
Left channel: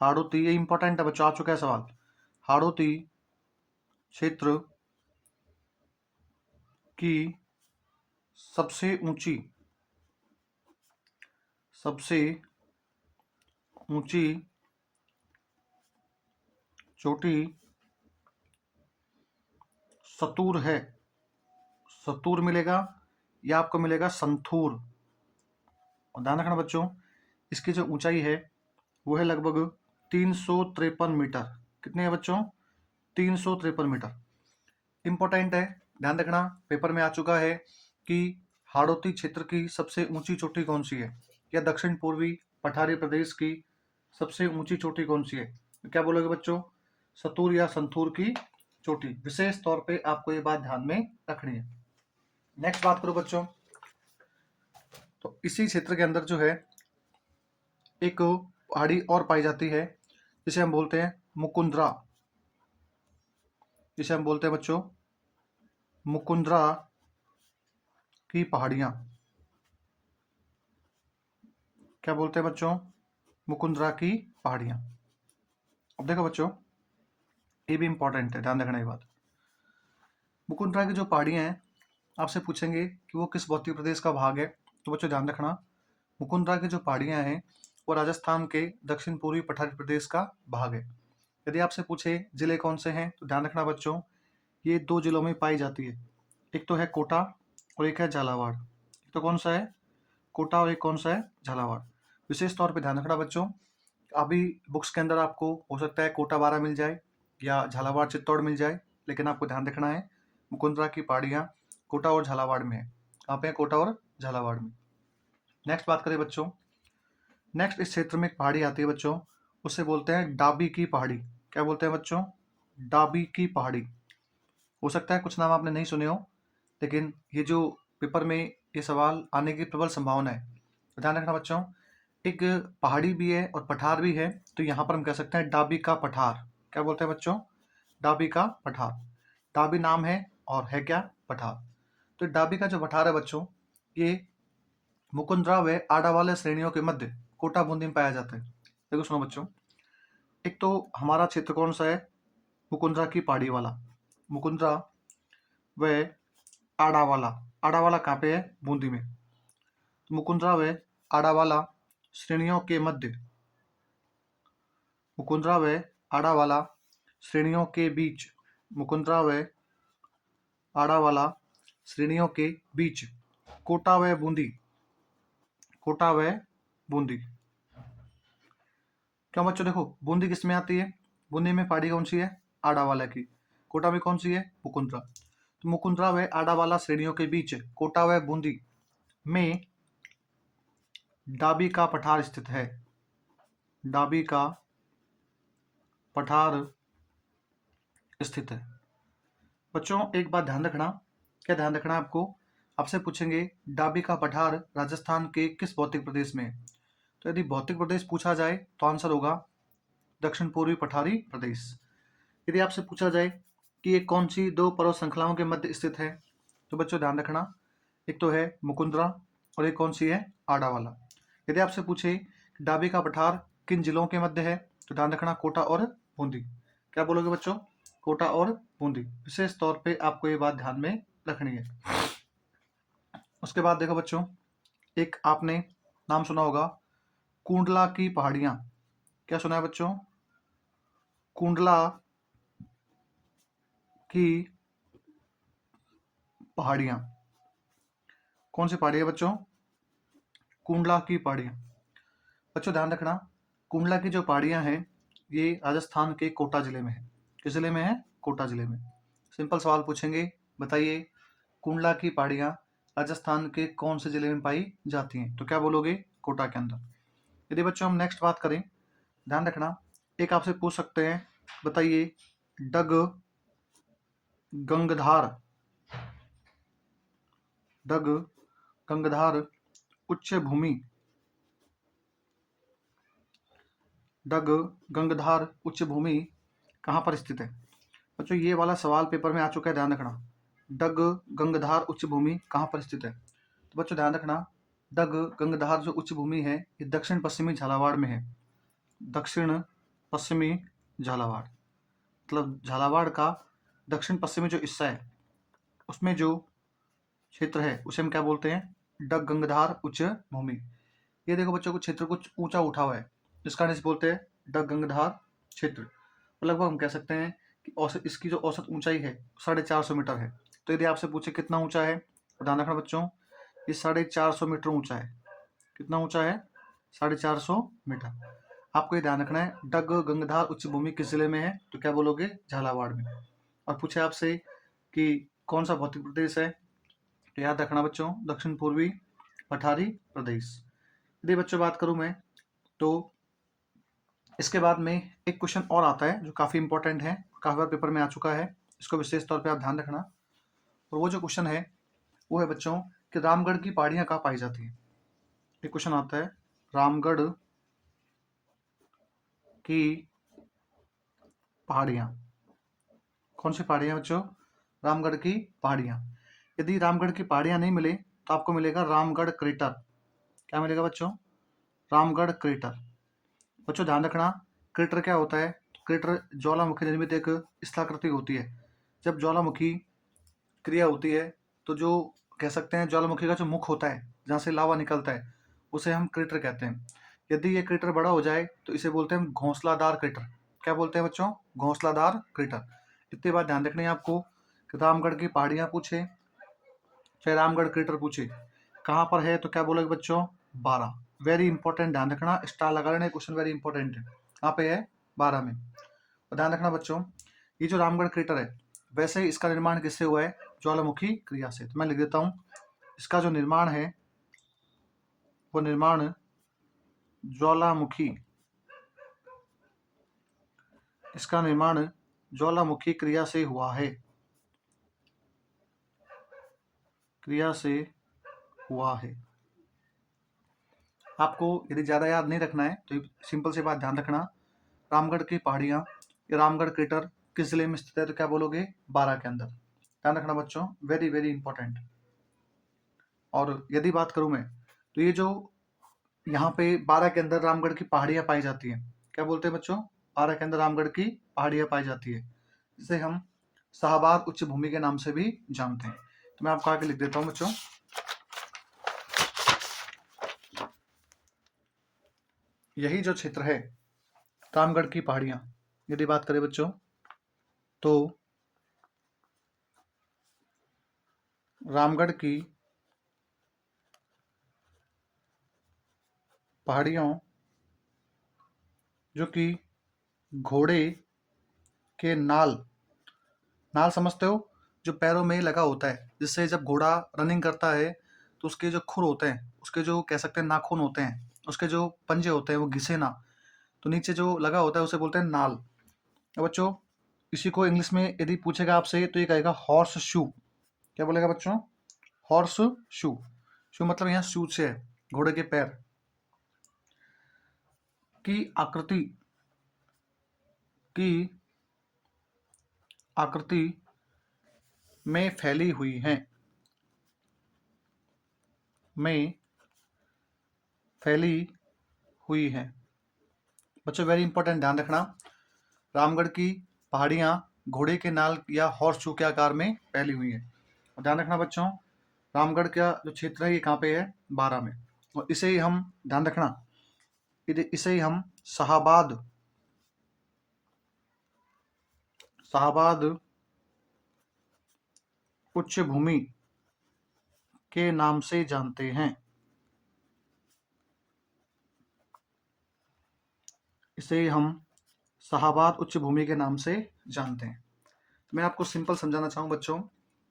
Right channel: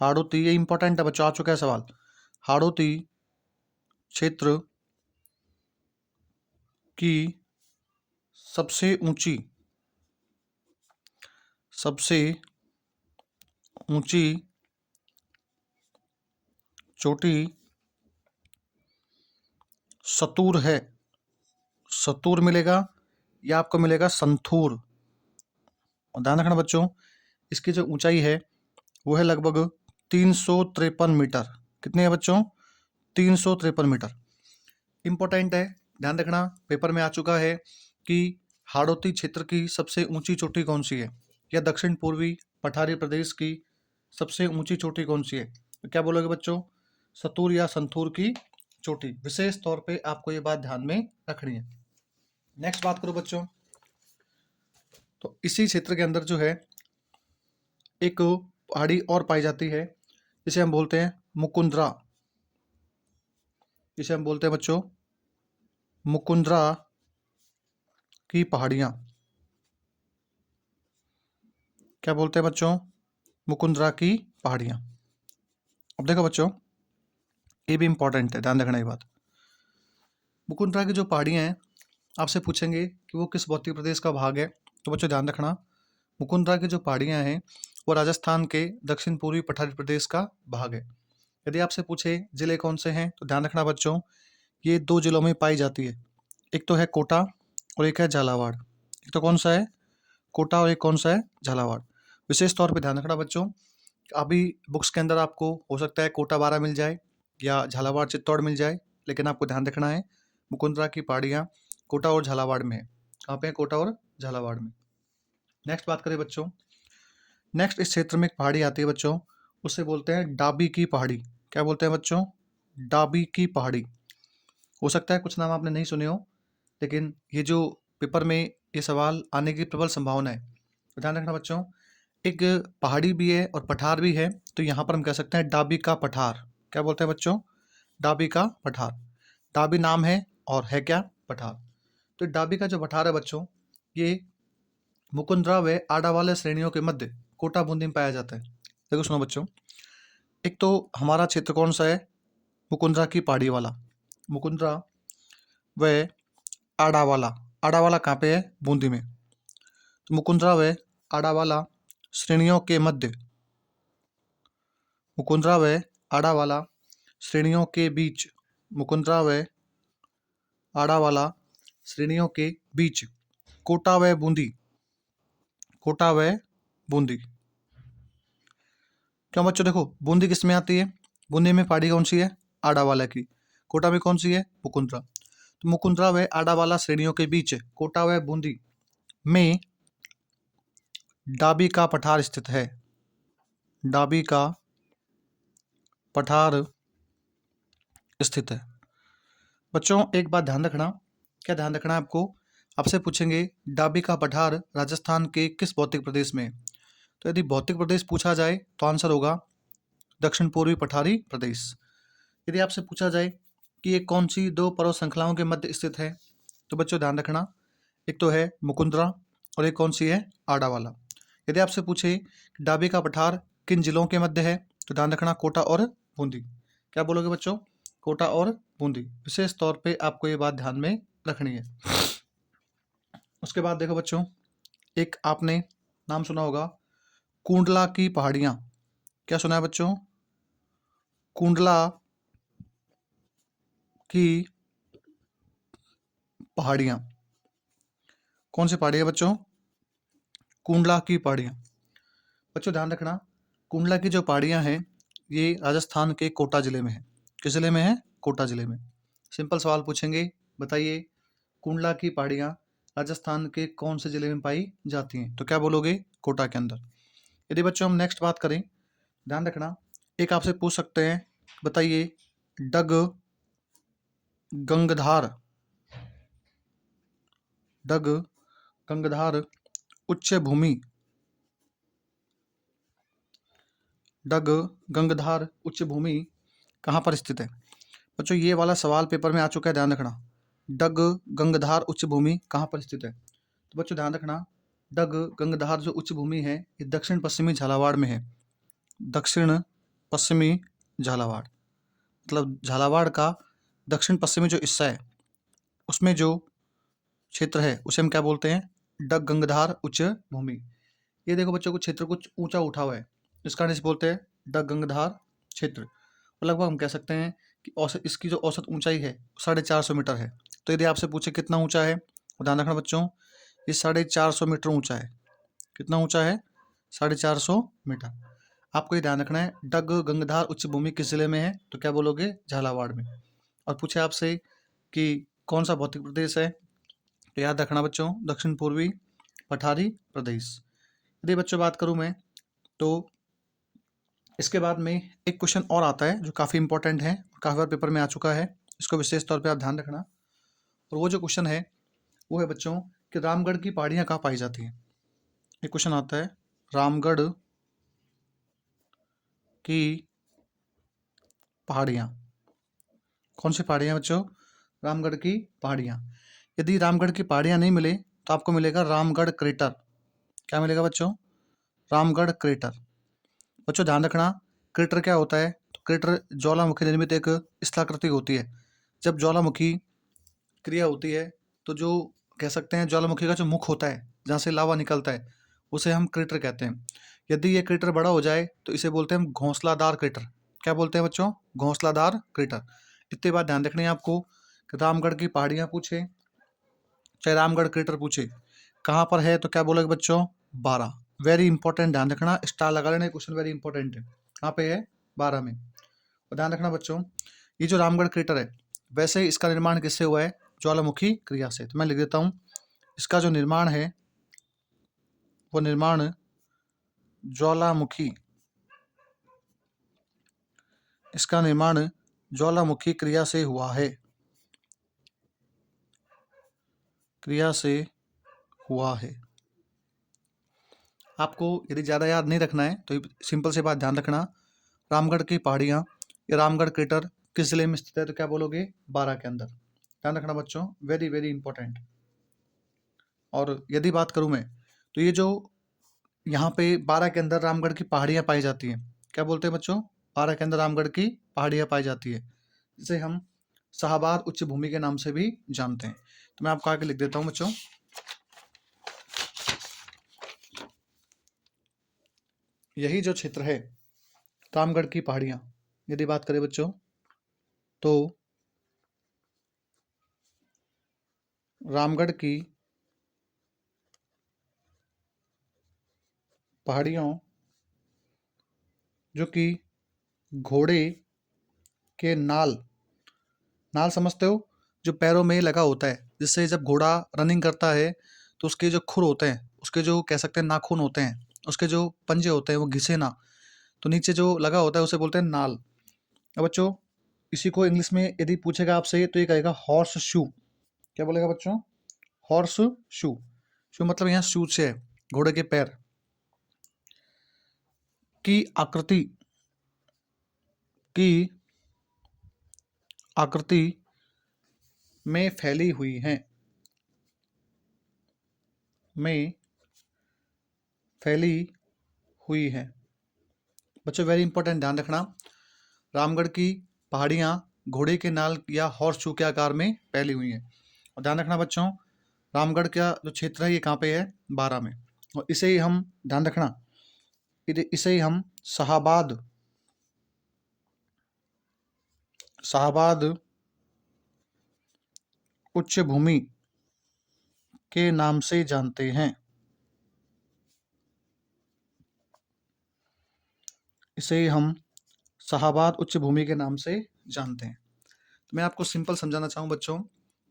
हाड़ौती, ये इंपॉर्टेंट है बच्चों, आ चुका है सवाल। हाड़ौती क्षेत्र की सबसे ऊंची चोटी सतूर है। सतूर मिलेगा या आपको मिलेगा संथूर। और ध्यान रखना बच्चों, इसकी जो ऊंचाई है वो है लगभग 353 मीटर। कितनी है बच्चों? 353 मीटर। इंपॉर्टेंट है, ध्यान रखना, पेपर में आ चुका है कि हाड़ौती क्षेत्र की सबसे ऊंची चोटी कौन सी है, या दक्षिण पूर्वी पठारी प्रदेश की सबसे ऊंची चोटी कौन सी है? तो क्या बोलोगे बच्चों? सतूर या संथूर की चोटी। विशेष तौर पे आपको ये बात ध्यान में रखनी है। नेक्स्ट बात करो बच्चों, तो इसी क्षेत्र के अंदर जो है एक पहाड़ी और पाई जाती है जिसे हम बोलते हैं मुकुंदरा। जिसे हम बोलते हैं बच्चों मुकुंदरा की पहाड़ियाँ। क्या बोलते हैं बच्चों? मुकुंदरा की पहाड़ियाँ। अब देखो बच्चों, ये भी इंपॉर्टेंट है, ध्यान रखना ये बात। मुकुंदरा की जो पहाड़ियाँ हैं आपसे पूछेंगे कि वो किस भौतिक प्रदेश का भाग है। तो बच्चों ध्यान रखना, मुकुंदरा की जो पहाड़ियाँ हैं वो राजस्थान के दक्षिण पूर्वी पठारी प्रदेश का भाग है। यदि आपसे पूछे जिले कौन से हैं तो ध्यान रखना बच्चों, ये 2 जिलों में पाई जाती है। एक तो है कोटा और एक है झालावाड़। एक तो कौन सा है? कोटा और एक कौन सा है? झालावाड़। विशेष तौर पर ध्यान रखना बच्चों, अभी बुक्स के अंदर आपको हो सकता है कोटा 12 मिल जाए या झालावाड़ चित्तौड़ मिल जाए, लेकिन आपको ध्यान रखना है मुकुंदरा की पहाड़ियाँ कोटा और झालावाड़ में है। कहाँ पे है? कोटा और झालावाड़ में। नेक्स्ट बात करें बच्चों, नेक्स्ट इस क्षेत्र में एक पहाड़ी आती है बच्चों, उसे बोलते हैं डाबी की पहाड़ी। क्या बोलते हैं बच्चों? डाबी की पहाड़ी। हो सकता है कुछ नाम आपने नहीं सुने हो, लेकिन ये जो पेपर में ये सवाल आने की प्रबल संभावना है, तो ध्यान रखना बच्चों। एक पहाड़ी भी है और पठार भी है, तो यहाँ पर हम कह सकते हैं डाबी का पठार। क्या बोलते हैं बच्चों? डाबी का पठार। डाबी नाम है और है क्या? पठार। तो डाबी का जो पठार है बच्चों, ये मुकुंदरा व आडावाले श्रेणियों के मध्य कोटा बूंदी में पाया जाता है। देखो सुनो बच्चों, एक तो हमारा क्षेत्र कौन सा है? मुकुंदरा की पहाड़ी वाला। मुकुंदरा व आडावाला। आडावाला कहाँ पे है? बूंदी में। तो मुकुंदरा व आडावाला श्रेणियों के मध्य, मुकुंदरा व आडावाला श्रेणियों के बीच, मुकुंदरा व आडावाला श्रेणियों के बीच कोटा व बूंदी, कोटा व बूंदी। क्यों बच्चों? देखो बूंदी किस में आती है? बूंदी में पहाड़ी कौन सी है? आडावाला की। कोटा में कौन सी है? मुकुंदरा। तो मुकुंदरा व आडावाला श्रेणियों के बीच कोटा व बूंदी में डाबी का पठार स्थित है। डाबी का पठार स्थित है। बच्चों एक बात ध्यान रखना। क्या ध्यान रखना है आपको? आपसे पूछेंगे डाबी का पठार राजस्थान के किस भौतिक प्रदेश में है? तो यदि भौतिक प्रदेश पूछा जाए तो आंसर होगा दक्षिण पूर्वी पठारी प्रदेश। यदि आपसे पूछा जाए कि ये कौन सी दो पर्वत श्रृंखलाओं के मध्य स्थित है, तो बच्चों ध्यान रखना, एक तो है मुकुंदरा और एक कौन सी है? आडावाला। यदि आपसे पूछे डाबी का पठार किन जिलों के मध्य है, तो ध्यान रखना कोटा और बूंदी। क्या बोलोगे बच्चों? कोटा और बूंदी। विशेष तौर पे आपको ये बात ध्यान में रखनी है। उसके बाद देखो बच्चों, एक आपने नाम सुना होगा कुंडला की पहाड़ियाँ। क्या सुना है बच्चों? कुंडला की पहाड़ियाँ। कौन सी पहाड़ी है बच्चों? कुंडला की पहाड़ियाँ। बच्चों ध्यान रखना, कुंडला की जो पहाड़ियाँ हैं ये राजस्थान के कोटा जिले में है। किस जिले में है? कोटा जिले में। सिंपल सवाल पूछेंगे, बताइए कुंडला की पहाड़ियाँ राजस्थान के कौन से जिले में पाई जाती हैं? तो क्या बोलोगे? कोटा के अंदर। यदि बच्चों हम नेक्स्ट बात करें, ध्यान रखना, एक आपसे पूछ सकते हैं, बताइए डग गंगधार, डग गंगधार उच्च भूमि, डग गंगधार उच्च भूमि कहाँ पर स्थित है? बच्चों ये वाला सवाल पेपर में आ चुका है, ध्यान रखना। डग गंगधार उच्च भूमि कहाँ पर स्थित है? तो बच्चों ध्यान रखना, डग गंगधार जो उच्च भूमि है ये दक्षिण पश्चिमी झालावाड़ में है। दक्षिण पश्चिमी झालावाड़, मतलब झालावाड़ का दक्षिण पश्चिमी जो हिस्सा है उसमें जो क्षेत्र है उसे हम क्या बोलते हैं? डग गंगधार उच्च भूमि। ये देखो बच्चों को क्षेत्र कुछ ऊंचा उठा हुआ है, इस कारण इसे बोलते हैं डग गंगधार क्षेत्र। और लगभग हम कह सकते हैं कि औसत इसकी जो औसत ऊंचाई है 450 मीटर है। तो यदि आपसे पूछे कितना ऊंचा है, तो ध्यान रखना बच्चों ये 450 मीटर ऊंचा है। कितना ऊंचा है? 450 मीटर। आपको ये ध्यान रखना है डग गंगधार उच्च भूमि किस जिले में है, तो क्या बोलोगे? झालावाड़ में। और पूछे आपसे कि कौन सा भौतिक प्रदेश है, तो याद रखना बच्चों दक्षिण पूर्वी पठारी प्रदेश। यदि बच्चों बात करूं मैं, तो इसके बाद में एक क्वेश्चन और आता है जो काफ़ी इंपॉर्टेंट है, काफ़ी बार पेपर में आ चुका है, इसको विशेष तौर पे आप ध्यान रखना। और वो जो क्वेश्चन है वो है बच्चों कि रामगढ़ की पहाड़ियाँ कहाँ पाई जाती हैं? एक क्वेश्चन आता है, रामगढ़ की पहाड़ियाँ। कौन सी पहाड़ियाँ बच्चों? रामगढ़ की पहाड़ियाँ। यदि रामगढ़ की पहाड़ियाँ नहीं मिले तो आपको मिलेगा रामगढ़ क्रेटर। क्या मिलेगा बच्चों? रामगढ़ क्रेटर। बच्चों ध्यान रखना, क्रेटर क्या होता है? तो क्रेटर ज्वालामुखी निर्मित एक स्थलाकृति होती है। जब ज्वालामुखी क्रिया होती है तो जो कह सकते हैं ज्वालामुखी का जो मुख होता है जहाँ से लावा निकलता है उसे हम क्रेटर कहते हैं। यदि ये क्रेटर बड़ा हो जाए तो इसे बोलते हैं हम घोंसलादार क्रेटर। क्या बोलते हैं बच्चों? घोंसलादार क्रेटर। इतनी बात ध्यान रखनी है आपको कि रामगढ़ की पहाड़ियाँ पूछे चाहे रामगढ़ क्रेटर पूछे कहाँ पर है, तो क्या बोलोगे बच्चों? 12 वेरी इंपॉर्टेंट, ध्यान रखना, स्टार लगा लेना, क्वेश्चन वेरी इंपॉर्टेंट है। कहाँ पे है? 12 में। और ध्यान रखना बच्चों, ये जो रामगढ़ क्रेटर है, वैसे इसका निर्माण किससे हुआ है? ज्वालामुखी क्रिया से। तो मैं लिख देता हूँ, इसका जो निर्माण है वो निर्माण ज्वालामुखी, इसका निर्माण ज्वालामुखी क्रिया से हुआ है, क्रिया से हुआ है। आपको यदि ज़्यादा याद नहीं रखना है तो सिंपल सी बात ध्यान रखना, रामगढ़ की पहाड़ियाँ, ये रामगढ़ क्रेटर किस जिले में स्थित है? तो क्या बोलोगे? 12 के अंदर। ध्यान रखना बच्चों, वेरी वेरी इंपॉर्टेंट। और यदि बात करूँ मैं, तो ये जो यहाँ पे 12 के अंदर रामगढ़ की पहाड़ियाँ पाई जाती हैं, क्या बोलते हैं बच्चों? 12 के अंदर रामगढ़ की पहाड़ियाँ पाई जाती है, जिसे हम शाहबाद उच्च भूमि के नाम से भी जानते हैं। तो मैं आपको आगे लिख देता हूँ बच्चों, यही जो क्षेत्र है रामगढ़ की पहाड़ियाँ, यदि बात करें बच्चों तो रामगढ़ की पहाड़ियों जो कि घोड़े के नाल, नाल समझते हो? जो पैरों में लगा होता है, जिससे जब घोड़ा रनिंग करता है तो उसके जो खुर होते हैं, उसके जो कह सकते हैं नाखून होते हैं, उसके जो पंजे होते हैं वो घिसे ना, तो नीचे जो लगा होता है उसे बोलते हैं नाल। अब बच्चों, इसी को इंग्लिश में यदि पूछेगा आपसे तो ये कहेगा हॉर्स शू। क्या बोलेगा बच्चों? Horse shoe. शू मतलब यहाँ शू से है, घोड़े के पैर की आकृति, की आकृति में फैली हुई हैं, में फैली हुई है। बच्चों वेरी इंपॉर्टेंट, ध्यान रखना, रामगढ़ की पहाड़ियाँ घोड़े के नाल या हॉर्स शू के आकार में फैली हुई हैं। और ध्यान रखना बच्चों, रामगढ़ का जो क्षेत्र है ये कहाँ पे है? 12 में। और इसे ही हम, ध्यान रखना, इसे ही हम शाहबाद, शाहबाद उच्च भूमि के नाम से जानते हैं, इसे ही हम शाहबाद उच्च भूमि के नाम से जानते हैं। तो मैं आपको सिंपल समझाना चाहूँ बच्चों,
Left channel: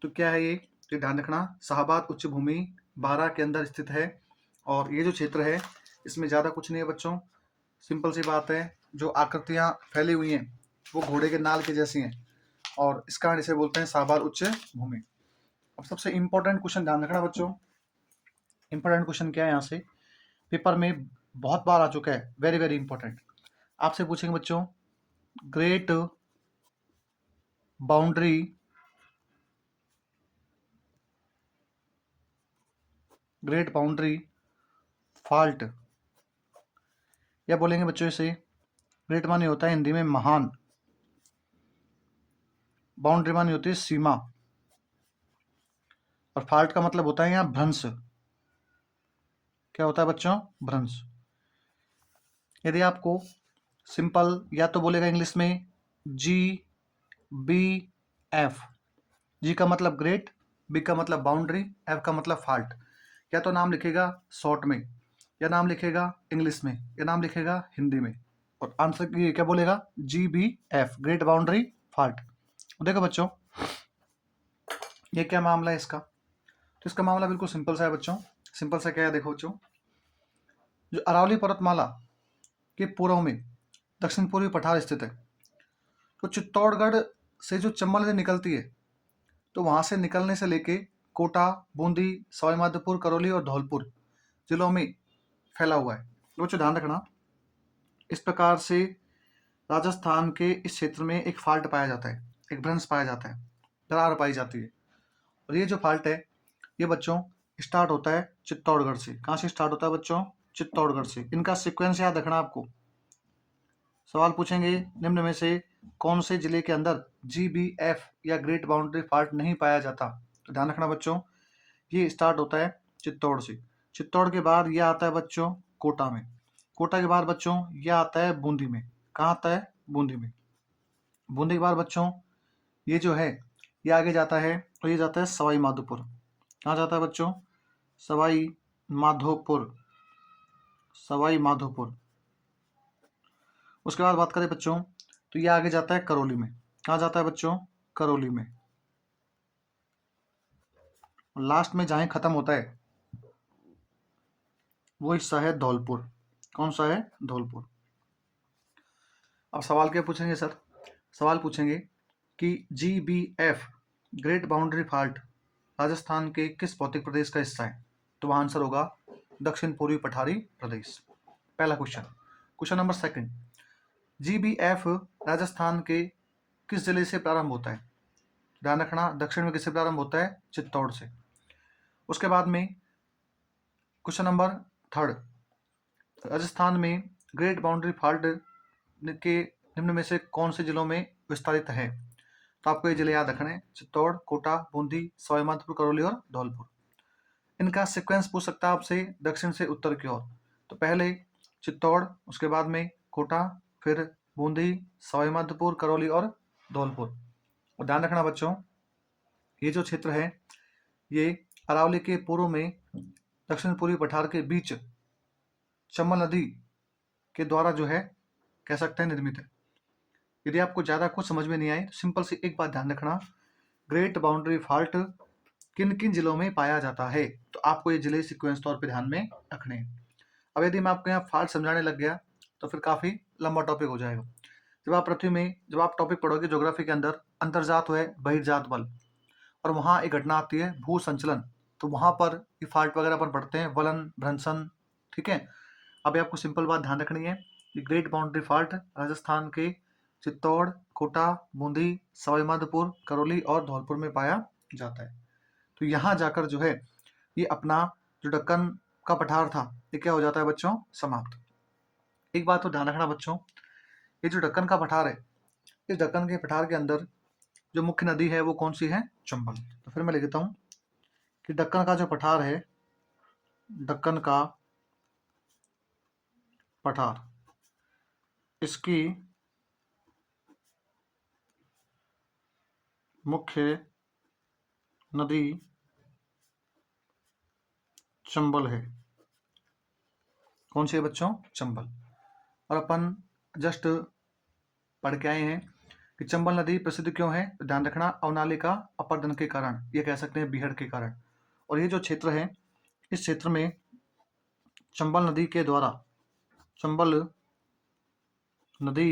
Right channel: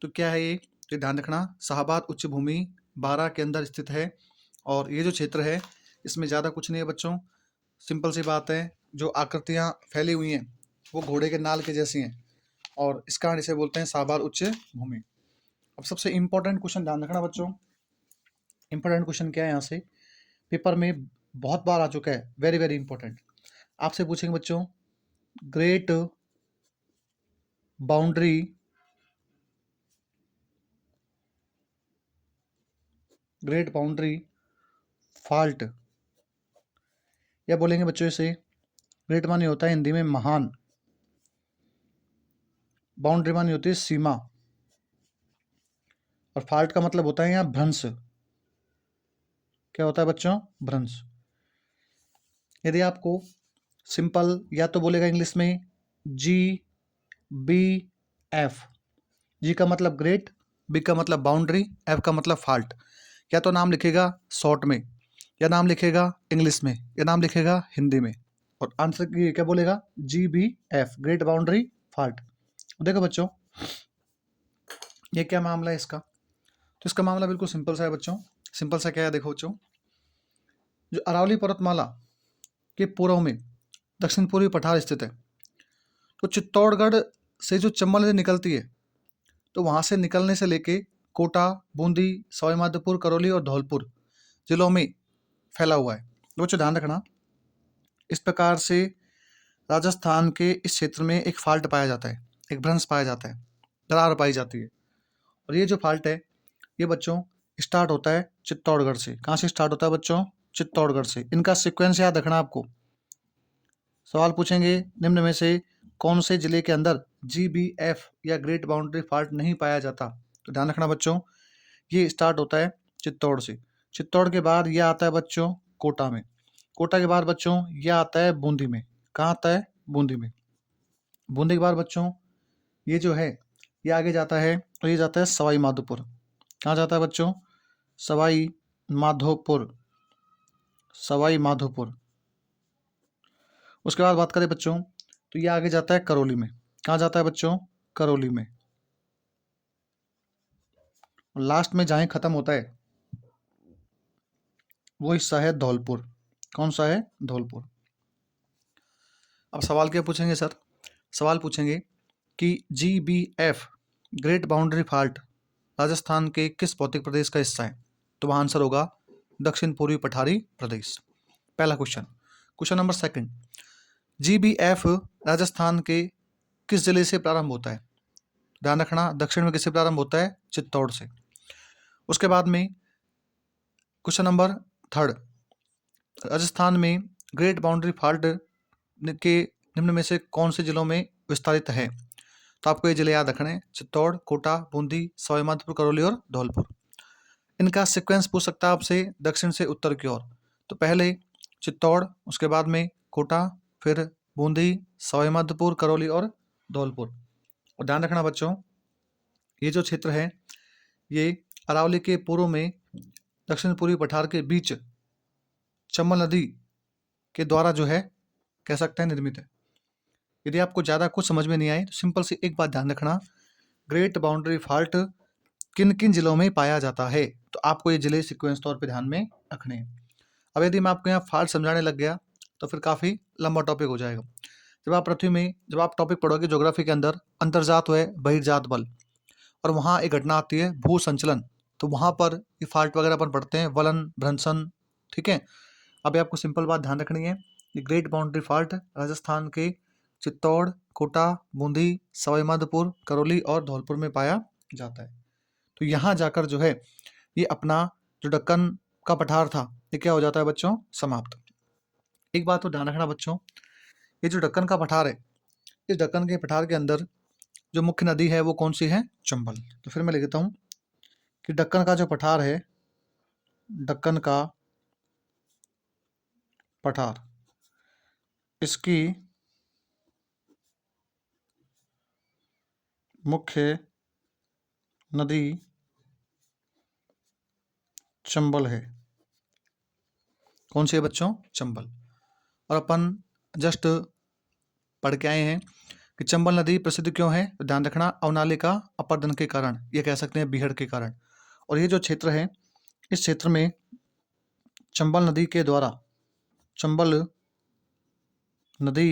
तो क्या है ये? तो ध्यान रखना, शाहबाद उच्च भूमि 12 के अंदर स्थित है, और ये जो क्षेत्र है इसमें ज़्यादा कुछ नहीं है बच्चों, सिंपल सी बात है, जो आकृतियाँ फैली हुई हैं वो घोड़े के नाल के जैसी हैं, और इस कारण इसे बोलते हैं शाहबाद उच्च भूमि। अब सबसे इंपॉर्टेंट क्वेश्चन ध्यान रखना बच्चों, इंपॉर्टेंट क्वेश्चन क्या है यहाँ से, पेपर में बहुत बार आ चुका है, वेरी वेरी इंपॉर्टेंट। आपसे पूछेंगे बच्चों, great boundary, great boundary fault, या बोलेंगे बच्चों इसे, ग्रेट माने होता है हिंदी में महान, बाउंड्री माने होती है सीमा, और फॉल्ट का मतलब होता है यहाँ भ्रंश। क्या होता है बच्चों? भ्रंश। यदि आपको सिंपल, या तो बोलेगा इंग्लिश में GBF, जी का मतलब ग्रेट, बी का मतलब बाउंड्री, एफ का मतलब फॉल्ट। या तो नाम लिखेगा शॉर्ट में, या नाम लिखेगा इंग्लिश में, या नाम लिखेगा हिंदी में, और आंसर क्या बोलेगा? GBF, great boundary fault. देखो बच्चों, ये क्या मामला है इसका? तो इसका मामला बिल्कुल सिंपल सा है बच्चों। सिंपल सा क्या है? देखो बच्चों, जो अरावली पर्वतमाला के पूर्व में दक्षिण पूर्वी पठार स्थित है, तो चित्तौड़गढ़ से जो चंबल नदी निकलती है, तो वहां से निकलने से लेके कोटा, बूंदी, सवाईमाधोपुर, करौली और धौलपुर जिलों में फैला हुआ है। तो बच्चों ध्यान रखना, इस प्रकार से राजस्थान के इस क्षेत्र में एक फाल्ट पाया जाता है, एक भ्रंश पाया जाता है, दरार पाई जाती है। और ये जो फाल्ट है ये बच्चों स्टार्ट होता है चित्तौड़गढ़ से। कहाँ से स्टार्ट होता है बच्चों? चित्तौड़गढ़ से। इनका सीक्वेंस याद रखना आपको। सवाल पूछेंगे निम्न में से कौन से जिले के अंदर GBF या ग्रेट बाउंड्री फॉल्ट नहीं पाया जाता? तो ध्यान रखना बच्चों, ये स्टार्ट होता है चित्तौड़ से। चित्तौड़ के बाद ये आता है बच्चों कोटा में। कोटा के बाद बच्चों ये आता है बूंदी में। कहाँ आता है? बूंदी में। बूंदी के बाद बच्चों ये जो है ये आगे जाता है, तो ये जाता है सवाई माधोपुर। कहाँ जाता है बच्चों? सवाई माधोपुर। सवाई माधोपुर। उसके बाद बात करें बच्चों तो ये आगे जाता है करौली में। कहाँ जाता है बच्चों? करौली में। लास्ट में जहाँ खत्म होता है वो हिस्सा है धौलपुर। कौन सा है? धौलपुर। अब सवाल क्या पूछेंगे सर? सवाल पूछेंगे कि GBF great boundary fault Rajasthan के किस भौतिक प्रदेश का हिस्सा है? तो वहाँ आंसर होगा दक्षिण पूर्वी पठारी प्रदेश। पहला question. Question number second, GBF Rajasthan के किस जिले से प्रारंभ होता है? ध्यान रखना, दक्षिण में किससे प्रारंभ होता है? चित्तौड़ से। उसके बाद में क्वेश्चन नंबर थर्ड, राजस्थान में ग्रेट बाउंड्री फॉल्ट के निम्न में से कौन से जिलों में विस्तारित है? तो आपको ये जिले याद रखने हैं, चित्तौड़, कोटा, बूंदी, सवाई माधोपुर, करौली और धौलपुर। इनका सीक्वेंस पूछ सकता है आपसे दक्षिण से उत्तर की ओर। तो पहले चित्तौड़, उसके बाद में कोटा, फिर बूंदी, सवाई माधोपुर, करौली और धौलपुर। और ध्यान रखना बच्चों, ये जो क्षेत्र है ये अरावली के पूर्व में दक्षिण पूर्वी पठार के बीच चंबल नदी के द्वारा जो है कह सकते हैं निर्मित है। यदि आपको ज़्यादा कुछ समझ में नहीं आए तो सिंपल सी एक बात ध्यान रखना, ग्रेट बाउंड्री फॉल्ट किन किन जिलों में पाया जाता है, तो आपको ये जिले सीक्वेंस तौर पे ध्यान में रखने हैं। अब यदि मैं आपको यहाँ फॉल्ट समझाने लग गया तो फिर काफ़ी लंबा टॉपिक हो जाएगा। जब आप टॉपिक पढ़ोगे ज्योग्राफी के अंदर, अंतर्जात व बहिर्जात बल, और वहाँ एक घटना आती है भू संचलन, तो वहाँ पर ये फॉल्ट वगैरह अपन पढ़ते हैं, वलन भ्रंशन। ठीक है, अभी आपको सिंपल बात ध्यान रखनी है, ये ग्रेट बाउंड्री फॉल्ट राजस्थान के चित्तौड़, कोटा, बूंदी, सवाई माधोपुर, करौली और धौलपुर में पाया जाता है। तो यहाँ जाकर जो है ये अपना जो दक्कन का पठार था ये क्या हो जाता है बच्चों? समाप्त। एक बात तो ध्यान रखना बच्चों, ये जो दक्कन का पठार है, इस दक्कन के पठार के अंदर जो मुख्य नदी है वो कौन सी है? चंबल। तो फिर मैं लिख देता हूँ कि दक्कन का जो पठार है, दक्कन का पठार, इसकी मुख्य नदी चंबल है। कौन सी है बच्चों? चंबल। और अपन जस्ट पढ़ के आए हैं कि चंबल नदी प्रसिद्ध क्यों है? तो ध्यान रखना, अवनालिका अपर्दन के कारण, ये कह सकते हैं बीहड़ के कारण। और ये जो क्षेत्र है, इस क्षेत्र में चंबल नदी के द्वारा, चंबल नदी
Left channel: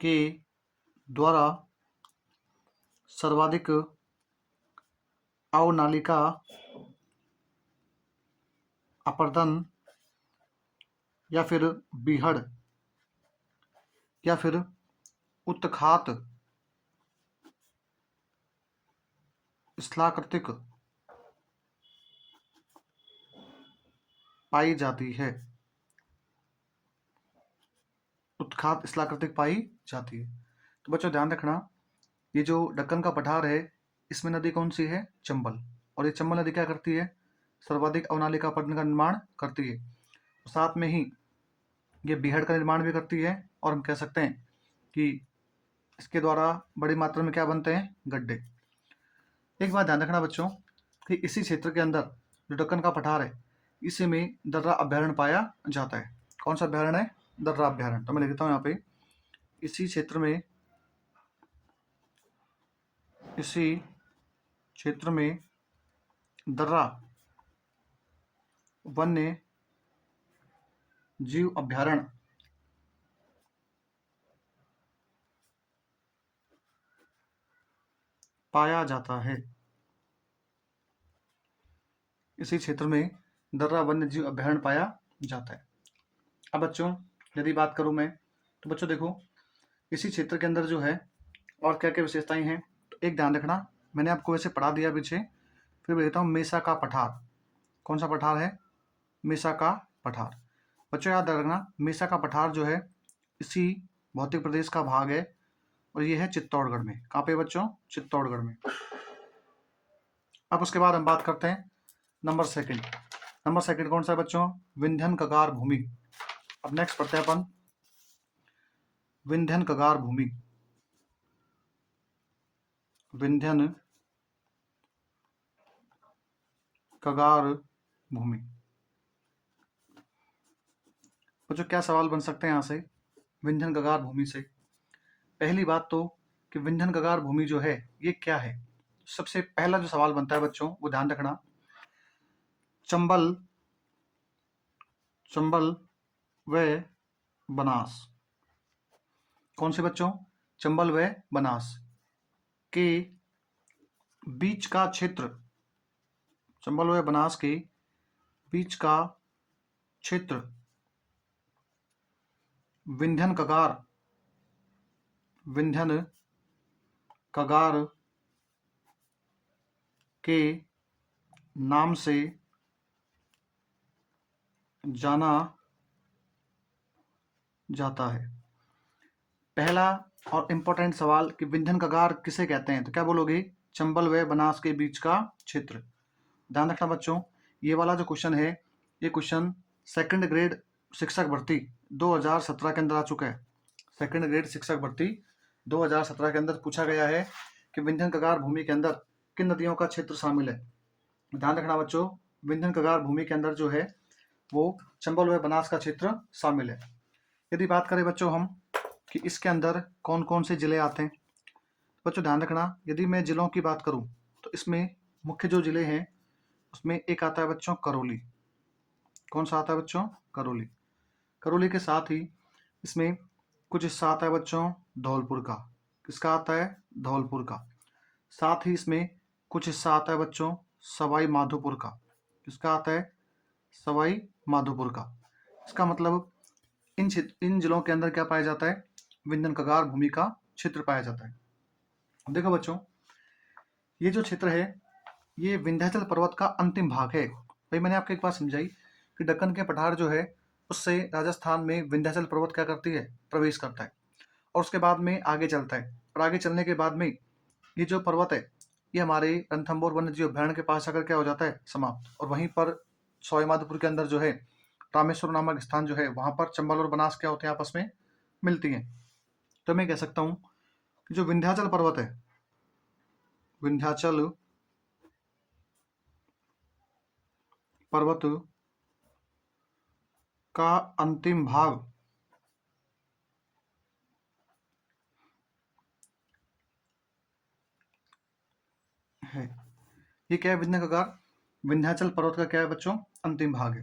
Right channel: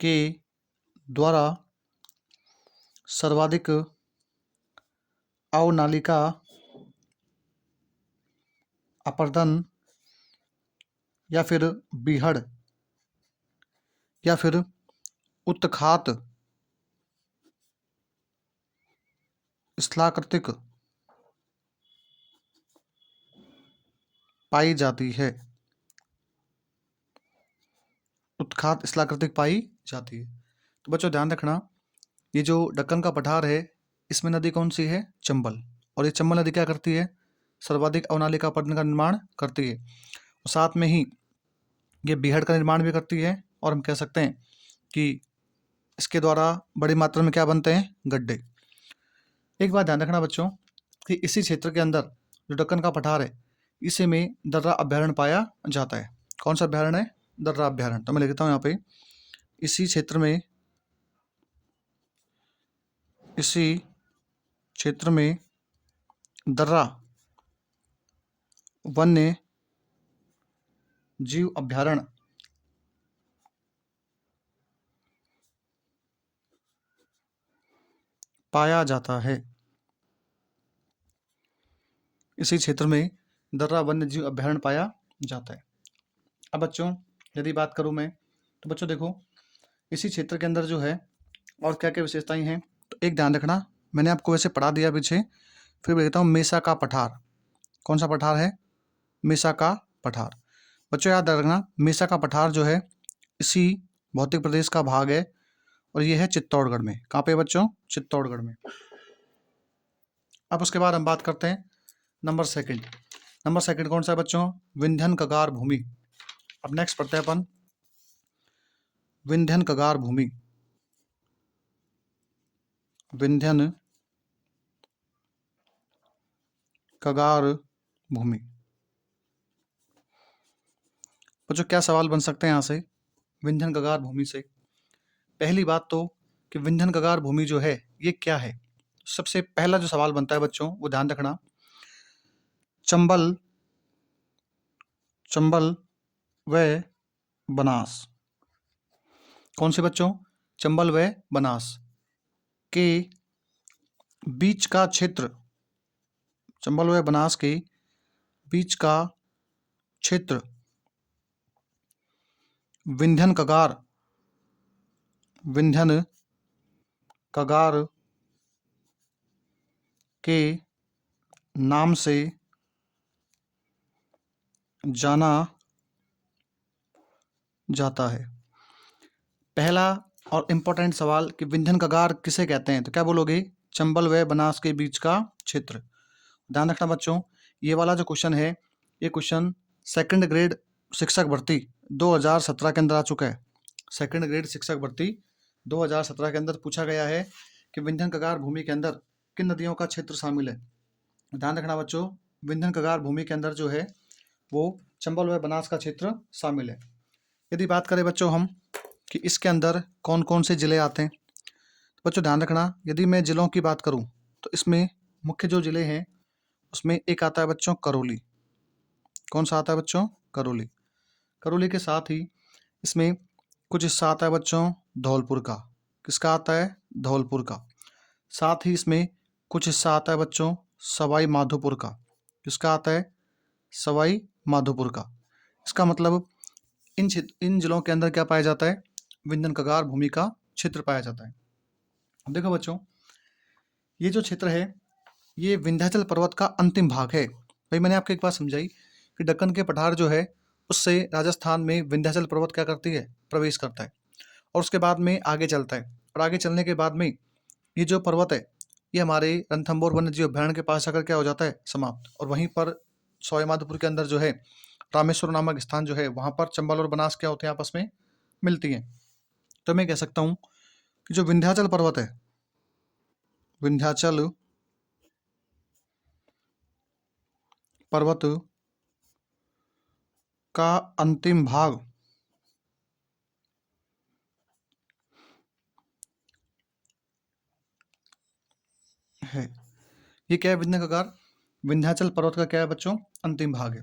के द्वारा सर्वाधिक अवनालिका अपर्दन या फिर बीहड़ या फिर उत्तखात स्थलाकृतिक पाई जाती है। उत्खात स्थलाकृतिक पाई जाती है। तो बच्चों ध्यान रखना, ये जो दक्कन का पठार है इसमें नदी कौन सी है? चंबल। और ये चंबल नदी क्या करती है? सर्वाधिक अवनालिका अपर्दन का निर्माण करती है। और साथ में ही ये बीहड़ का निर्माण भी करती है, और हम कह सकते हैं कि इसके द्वारा बड़ी मात्रा में क्या बनते हैं? गड्ढे। एक बात ध्यान रखना बच्चों कि इसी क्षेत्र के अंदर जो दक्कन का पठार है इसी में दर्रा अभ्यारण्य पाया जाता है। कौन सा अभ्यारण्य है? दर्रा अभ्यारण्य। तो मैं लिखता हूँ यहाँ पे, इसी क्षेत्र में, इसी क्षेत्र में दर्रा वन्य जीव अभ्यारण्य पाया जाता है। इसी क्षेत्र में दर्रा वन्य जीव अभ्यारण्य पाया जाता है। अब बच्चों यदि बात करूं मैं, तो बच्चों देखो इसी क्षेत्र के अंदर जो है और क्या क्या विशेषताएं हैं, तो एक ध्यान रखना, मैंने आपको वैसे पढ़ा दिया पीछे, फिर कहता हूँ मेसा का पठार। कौन सा पठार है? मेसा का पठार। बच्चों याद रखना, मेसा का पठार जो है इसी भौतिक प्रदेश का भाग है, और ये है चित्तौड़गढ़ में। कहाँ पे बच्चों? चित्तौड़गढ़ में। अब उसके बाद हम बात करते हैं नंबर सेकंड। नंबर सेकंड कौन सा है बच्चों? विंध्यन कगार भूमि। अब नेक्स्ट पढ़ते हैं अपन विंध्यन कगार भूमि। विंध्यन कगार भूमि। बच्चों क्या सवाल बन सकते हैं यहाँ से विंध्यन कगार भूमि से? पहली बात तो कि विंध्यन कगार भूमि जो है ये क्या है। सबसे पहला जो सवाल बनता है बच्चों वो ध्यान रखना, चंबल चंबल व बनास, कौन से बच्चों? चंबल व बनास के बीच का क्षेत्र, चंबल व बनास के बीच का क्षेत्र विंध्यन कगार के नाम से जाना जाता है। पहला और इम्पोर्टेंट सवाल कि विंध्यन कगार किसे कहते हैं, तो क्या बोलोगे? चंबल व बनास के बीच का क्षेत्र। ध्यान रखना बच्चों, ये वाला जो क्वेश्चन है ये क्वेश्चन सेकंड ग्रेड शिक्षक भर्ती 2017 के अंदर आ चुका है। सेकंड ग्रेड शिक्षक भर्ती 2017 के अंदर पूछा गया है कि विंध्यन कगार भूमि के अंदर किन नदियों का क्षेत्र शामिल है। ध्यान रखना बच्चों, विंध्यन कगार भूमि के अंदर जो है वो चंबल व बनास का क्षेत्र शामिल है। यदि बात करें बच्चों हम कि इसके अंदर कौन कौन से जिले आते हैं, तो बच्चों ध्यान रखना, यदि मैं जिलों की बात करूं तो इसमें मुख्य जो जिले हैं उसमें एक आता है बच्चों करौली। कौन सा आता है बच्चों? करौली। करौली के साथ ही इसमें कुछ हिस्सा आता है बच्चों धौलपुर का। किसका आता है? धौलपुर का। साथ ही इसमें कुछ हिस्सा आता है बच्चों सवाई माधोपुर का। किसका आता है? सवाई माधोपुर का। इसका मतलब इन जिलों के अंदर क्या पाया जाता है? विंध्यन कगार भूमि का क्षेत्र पाया जाता है। अब देखो बच्चों, ये जो क्षेत्र है ये विंध्याचल पर्वत का अंतिम भाग है। भाई मैंने आपको एक बात समझाई कि दक्कन के पठार जो है उससे राजस्थान में विंध्याचल पर्वत क्या करती है? प्रवेश करता है और उसके बाद में आगे चलता है, और आगे चलने के बाद में ये जो पर्वत है ये हमारे रणथंभौर वन्य जीव अभयारण्य के पास आकर क्या हो जाता है? समाप्त। और वहीं पर सवाई माधोपुर के अंदर जो है रामेश्वर नामक स्थान जो है वहां पर चंबल और बनास क्या होते हैं? आपस में मिलती हैं। तो मैं कह सकता हूँ कि जो विंध्याचल पर्वत है, विंध्याचल पर्वत का अंतिम भाग है। ये क्या है? विंध्य कगार विंध्याचल पर्वत का क्या है बच्चों? अंतिम भाग है।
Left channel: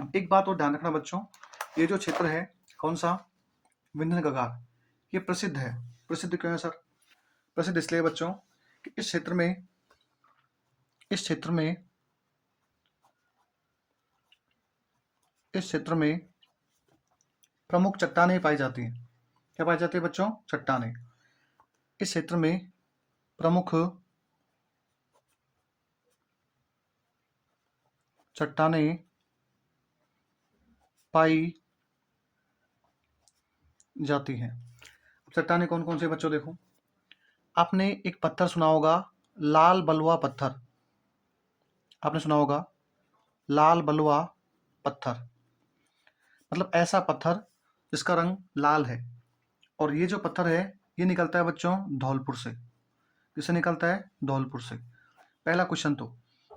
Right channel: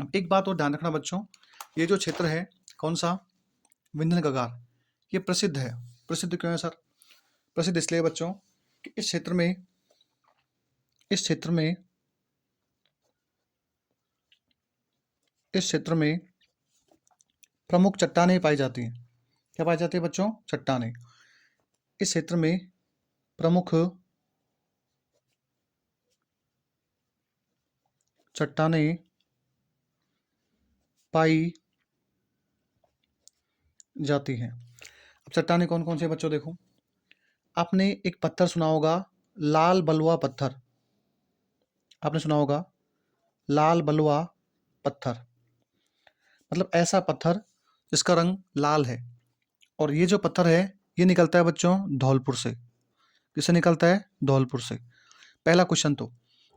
अब एक बात और ध्यान रखना बच्चों, ये जो क्षेत्र है कौन सा? विंध्य कगार, ये प्रसिद्ध है। प्रसिद्ध क्यों है सर? प्रसिद्ध इसलिए बच्चों कि इस क्षेत्र में इस क्षेत्र में प्रमुख चट्टानें पाई जाती हैं। क्या पाई जाती है बच्चों? चट्टानें। इस क्षेत्र में प्रमुख चट्टानें पाई जाती हैं। अब चट्टानें कौन कौन से बच्चों? देखो, आपने एक पत्थर सुना होगा लाल बलुआ पत्थर। आपने सुना होगा लाल बलुआ पत्थर, मतलब ऐसा पत्थर जिसका रंग लाल है। और ये जो पत्थर है ये निकलता है बच्चों धौलपुर से। किससे निकलता है? धौलपुर से। पहला क्वेश्चन तो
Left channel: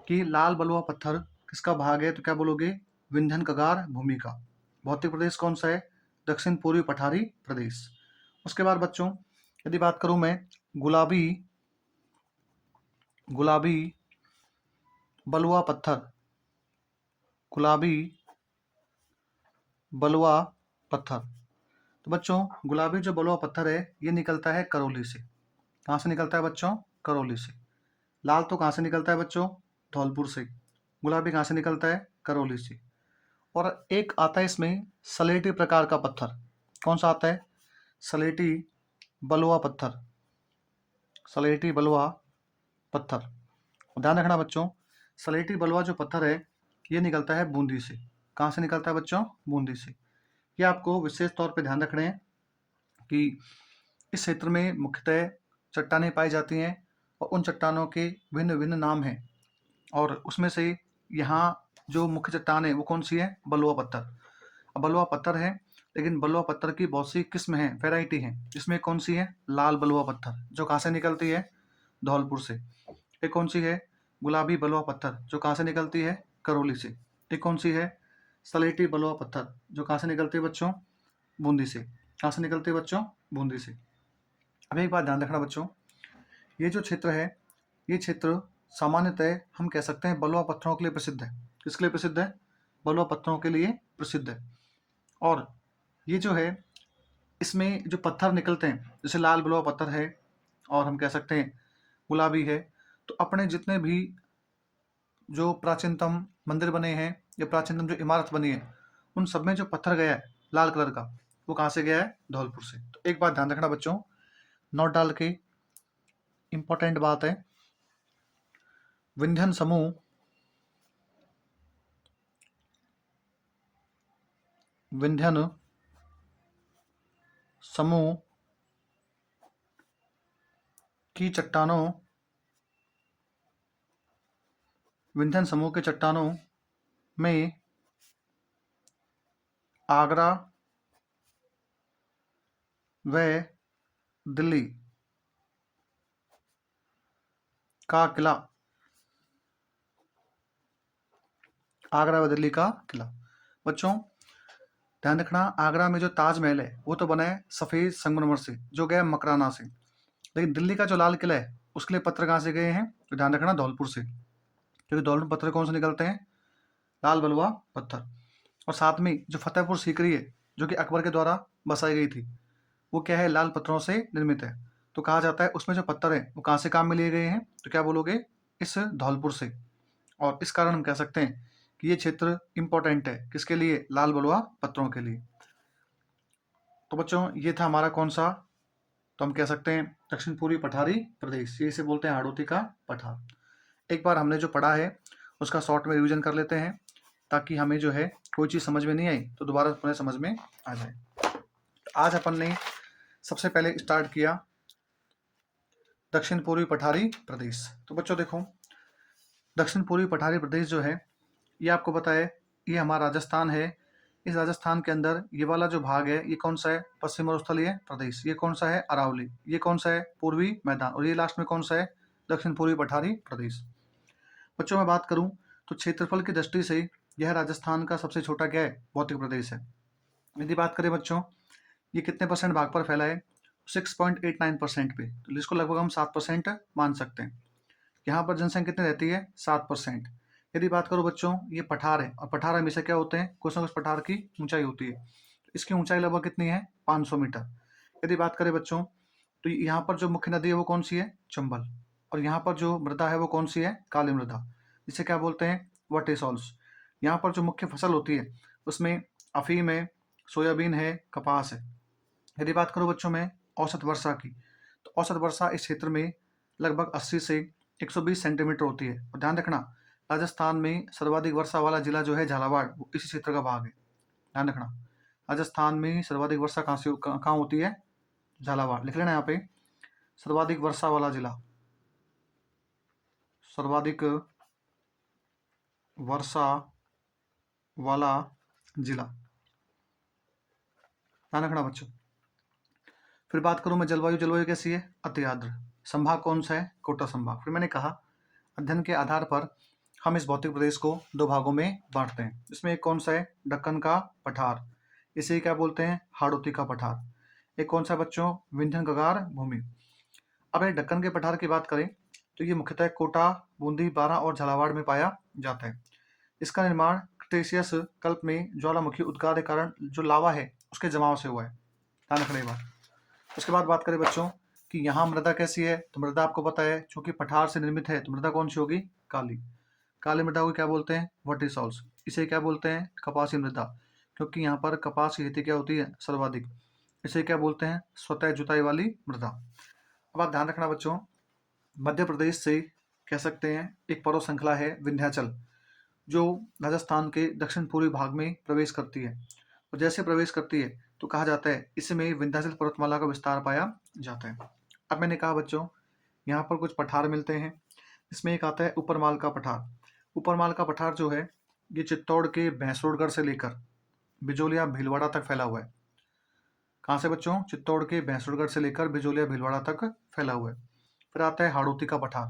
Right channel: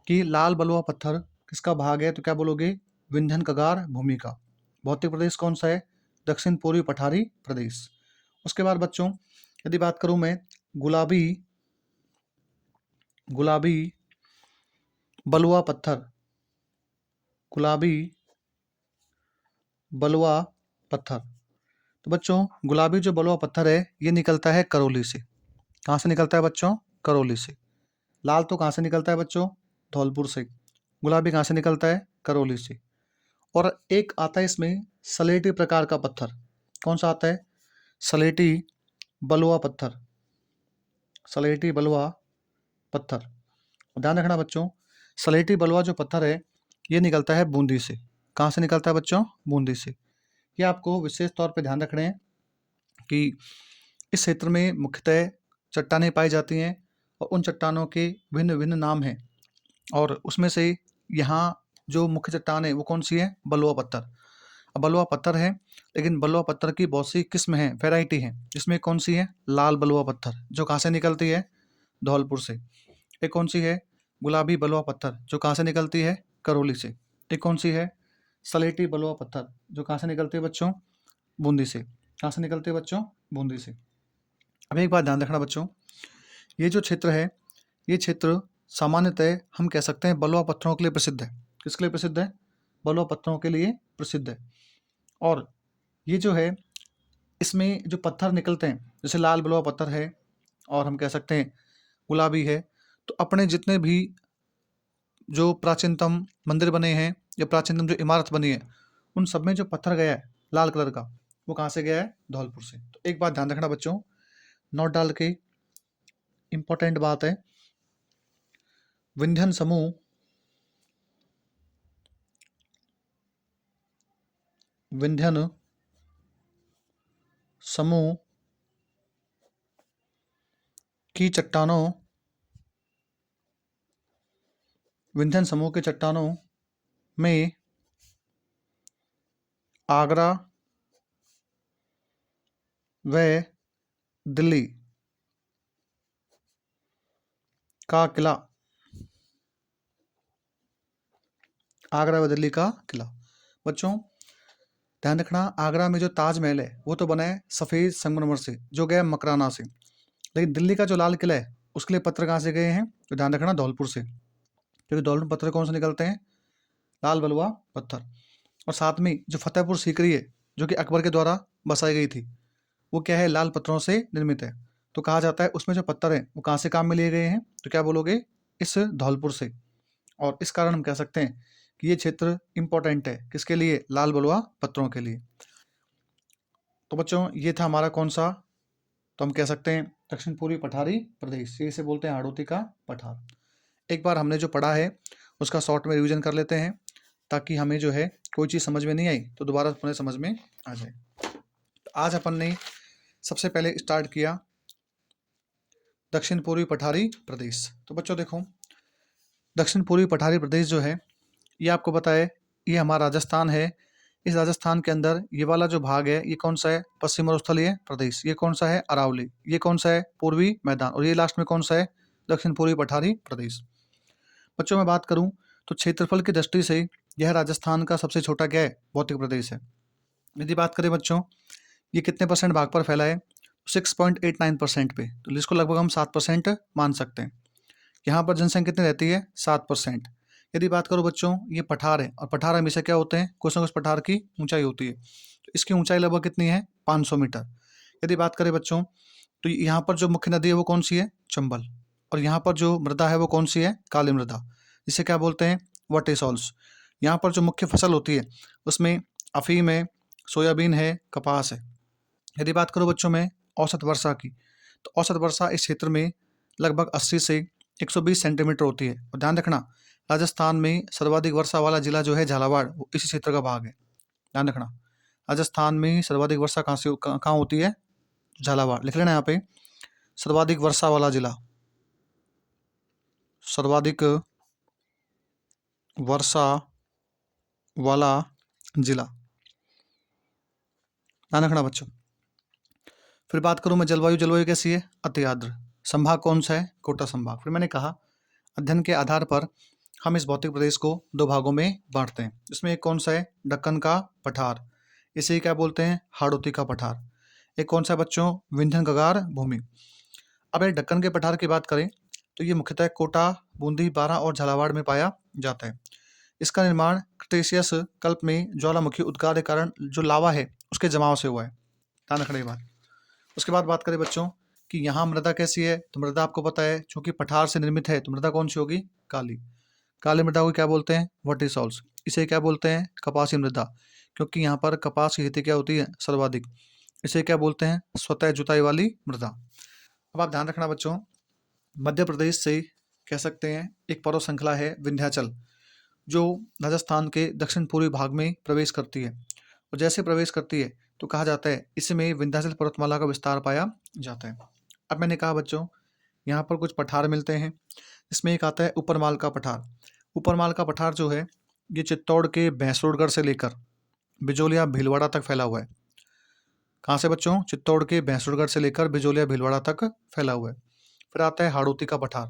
कि लाल बलुआ पत्थर किसका भाग है, तो क्या बोलोगे? विंध्यन कगार भूमि का। भौतिक प्रदेश कौन सा है? दक्षिण पूर्वी पठारी प्रदेश। उसके बाद बच्चों यदि बात करूं मैं गुलाबी गुलाबी बलुआ पत्थर, गुलाबी बलुआ पत्थर, तो बच्चों गुलाबी जो बलुआ पत्थर है ये निकलता है करौली से। कहाँ से निकलता है बच्चों? करौली से। लाल तो कहाँ से निकलता है बच्चों? धौलपुर से। गुलाबी कहाँ से निकलता है? करौली से। और एक आता है इसमें सलेटी प्रकार का पत्थर। कौन सा आता है? सलेटी बलुआ पत्थर। सलेटी बलुआ पत्थर। ध्यान रखना बच्चों, सलेटी बलुआ जो पत्थर है ये निकलता है बूंदी से। कहाँ से निकलता है बच्चों? बूंदी से। ये आपको विशेष तौर पे ध्यान रखना है कि इस क्षेत्र में मुख्यतः चट्टानें पाई जाती हैं और उन चट्टानों के भिन्न भिन्न नाम हैं। और उसमें से यहाँ जो मुख्य चट्टान है वो कौन सी है? बलुआ पत्थर। अब बलुआ पत्थर है लेकिन बलुआ पत्थर की बहुत सी किस्म है, वैरायटी है। इसमें कौन सी है? लाल बलुआ पत्थर जो कहाँ से निकलती है? धौलपुर से। एक कौन सी है? गुलाबी बलुआ पत्थर जो कहाँ से निकलती है? करौली से। एक कौन सी है? सलेटी बलुआ पत्थर, जो कहाँ से निकलते हैं बच्चों? बूंदी से। कहाँ से निकलते हैं बच्चों? बूंदी से। अब एक बात ध्यान रखना बच्चों, ये जो क्षेत्र है, ये क्षेत्र सामान्यतः हम कह सकते हैं बलुआ पत्थरों के लिए प्रसिद्ध है। किसके लिए प्रसिद्ध है? बलुआ पत्थरों के लिए प्रसिद्ध है। और ये जो है, इसमें जो पत्थर निकलते हैं, जैसे लाल बलुआ पत्थर है और हम कह सकते हैं गुलाबी है, तो अपने जितने भी जो प्राचीनतम मंदिर बने हैं या प्राचीनतम जो इमारत बनी है, उन सब में जो पत्थर गया है लाल कलर का, वो कहाँ से गया है? धौलपुर से। तो एक बात ध्यान रखना बच्चों, नोट डाल के, इंपॉर्टेंट बात है, विंध्यन समूह विंध्यन समूह की चट्टानों विंध्यन समूह के चट्टानों में आगरा व दिल्ली का किला, आगरा व दिल्ली का किला। बच्चों ध्यान रखना, आगरा में जो ताजमहल है वो तो बना है सफ़ेद संगमरमर से, जो गया मकराना से, लेकिन दिल्ली का जो लाल किला है उसके लिए पत्थर कहाँ से गए हैं? तो ध्यान रखना, धौलपुर से, क्योंकि धौलपुर पत्थर कौन से निकलते हैं? लाल बलुआ पत्थर। और साथ में जो फतेहपुर सीकरी है, जो कि अकबर के द्वारा बसाई गई थी, वो क्या है? लाल पत्थरों से निर्मित है। तो कहा जाता है उसमें जो पत्थर हैं वो कहाँ से काम में लिए गए हैं? तो क्या बोलोगे? इस धौलपुर से। और इस कारण हम कह सकते हैं कि ये क्षेत्र इंपॉर्टेंट है, किसके लिए? लाल बलुआ पत्थरों के लिए। तो बच्चों ये था हमारा कौन सा? तो हम कह सकते हैं दक्षिण पूर्वी पठारी प्रदेश, इसे बोलते हैं हाड़ौती का पठार। एक बार हमने जो पढ़ा है उसका शॉर्ट में रिवीजन कर लेते हैं, ताकि हमें जो है कोई चीज़ समझ में नहीं आई तो दोबारा अपने समझ में आ जाए। तो आज अपन ने सबसे पहले स्टार्ट किया दक्षिण पूर्वी पठारी प्रदेश। तो बच्चों देखो, दक्षिण पूर्वी पठारी प्रदेश जो है, ये आपको पता है ये हमारा राजस्थान है। इस राजस्थान के अंदर ये वाला जो भाग है ये कौन सा है? पश्चिम मरुस्थलीय प्रदेश। ये कौन सा है? अरावली। ये कौन सा है? पूर्वी मैदान। और ये लास्ट में कौन सा है? दक्षिण पूर्वी पठारी प्रदेश। बच्चों मैं बात करूं तो क्षेत्रफल की दृष्टि से यह राजस्थान का सबसे छोटा क्या है? भौतिक प्रदेश है। यदि बात करें बच्चों, ये कितने परसेंट भाग पर फैला है? 6.89% पे, तो इसको लगभग हम 7% मान सकते हैं। यहाँ पर जनसंख्या कितनी रहती है? 7%। यदि बात करो बच्चों, ये पठार है, और पठार हमेशा क्या होते हैं? कुछ ना कुछ पठार की ऊंचाई होती है। तो इसकी ऊंचाई लगभग कितनी है? 500 मीटर। यदि बात करें बच्चों, तो यहाँ पर जो मुख्य नदी है वो कौन सी है? चंबल। और यहाँ पर जो मृदा है वो कौन सी है? काली मृदा, जिसे क्या बोलते हैं? वटेसॉल्स। यहाँ पर जो मुख्य फसल होती है उसमें अफीम है, सोयाबीन है, कपास है। यदि बात करो बच्चों में औसत वर्षा की, तो औसत वर्षा इस क्षेत्र में लगभग 80 से 120 सेंटीमीटर होती है। और ध्यान रखना, राजस्थान में सर्वाधिक वर्षा वाला जिला जो है झालावाड़, वो इसी क्षेत्र का भाग है। ध्यान रखना, राजस्थान में सर्वाधिक वर्षा कहाँ होती है? झालावाड़। लिख लेना यहाँ पे, सर्वाधिक वर्षा वाला जिला, सर्वाधिक वर्षा वाला जिला। ध्यान रखना बच्चों। फिर बात करूं मैं जलवायु, जलवायु कैसी है? अति आर्द्र। संभाग कौन सा है? कोटा संभाग। फिर मैंने कहा अध्ययन के आधार पर हम इस भौतिक प्रदेश को दो भागों में बांटते हैं, जिसमें एक कौन सा है? दक्कन का पठार, इसे क्या बोलते हैं? हाड़ौती का पठार। एक कौन सा बच्चों? विंध्यन गगार भूमि। अब एक दक्कन के पठार की बात करें तो ये मुख्यतः कोटा, बूंदी, बारां और झालावाड़ में पाया जाता है। इसका निर्माण क्रिटेशियस कल्प में ज्वालामुखी उद्गार के कारण जो लावा है उसके जमाव से हुआ है। ध्यान रखना ये बात। उसके बाद बात करें बच्चों कि यहाँ मृदा कैसी है, तो मृदा आपको पता है चूंकि पठार से निर्मित है तो मृदा कौन सी होगी? काली। काली मृदा को क्या बोलते हैं? वर्टिसॉल्स। इसे क्या बोलते हैं? कपासी मृदा, क्योंकि यहाँ पर कपास की खेती क्या होती है? सर्वाधिक। इसे क्या बोलते हैं? स्वतः जुताई वाली मृदा। अब आप ध्यान रखना बच्चों, मध्य प्रदेश से कह सकते हैं एक पर्वत श्रृंखला है विंध्याचल, जो राजस्थान के दक्षिण पूर्वी भाग में प्रवेश करती है। और जैसे प्रवेश करती है तो कहा जाता है इसमें विंध्याचल पर्वतमाला का विस्तार पाया जाता है। अब मैंने कहा बच्चों, यहाँ पर कुछ पठार मिलते हैं, इसमें एक आता है ऊपरमाल का पठार। ऊपरमाल का पठार जो है ये चित्तौड़ के भैंसरोडगढ़ से लेकर बिजोलिया भीलवाड़ा तक फैला हुआ है। कहाँ से बच्चों? चित्तौड़ के भैंसरोडगढ़ से लेकर बिजोलिया भीलवाड़ा तक फैला हुआ है। फिर आता है हाड़ौती का पठार।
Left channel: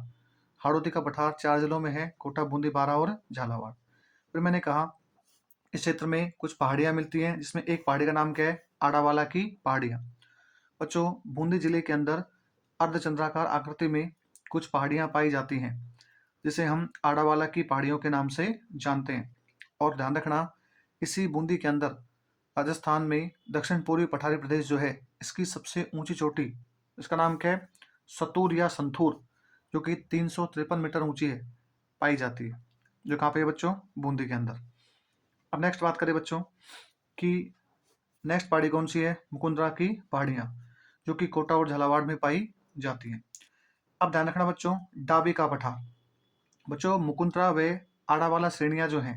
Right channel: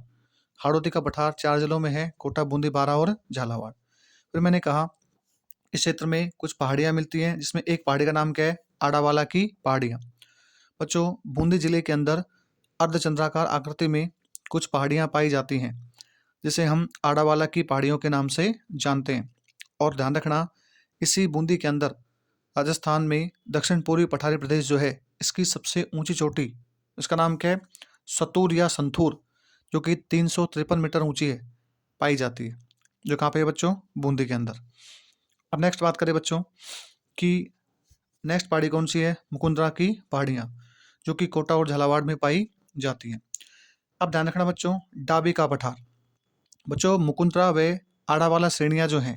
हाड़ौती का पठार 4 जिलों में है, कोटा, बूंदी, बारां और झालावाड़। फिर मैंने कहा इस क्षेत्र में कुछ पहाड़ियाँ मिलती हैं, जिसमें एक पहाड़ी का नाम क्या है? आडावाला की पहाड़ियाँ। बच्चों, बूंदी जिले के अंदर अर्धचंद्राकार आकृति में कुछ पहाड़ियाँ पाई जाती हैं, जिसे हम आडावाला की पहाड़ियों के नाम से जानते हैं। और ध्यान रखना, इसी बूंदी के अंदर राजस्थान में दक्षिण पूर्वी पठारी प्रदेश जो है, इसकी सबसे ऊंची चोटी, इसका नाम क्या है? सतूर या संथूर, जो कि 353 मीटर ऊंची है, पाई जाती है, जो कहाँ पे है बच्चों? बूंदी के अंदर। अब नेक्स्ट बात करें बच्चों कि नेक्स्ट पहाड़ी कौन सी है? मुकुंदरा की पहाड़ियाँ, जो कि कोटा और झालावाड़ में पाई जाती हैं। अब ध्यान रखना बच्चों, डाबी का पठार। बच्चों, मुकुंदरा व आड़ावाला श्रेणियाँ जो हैं,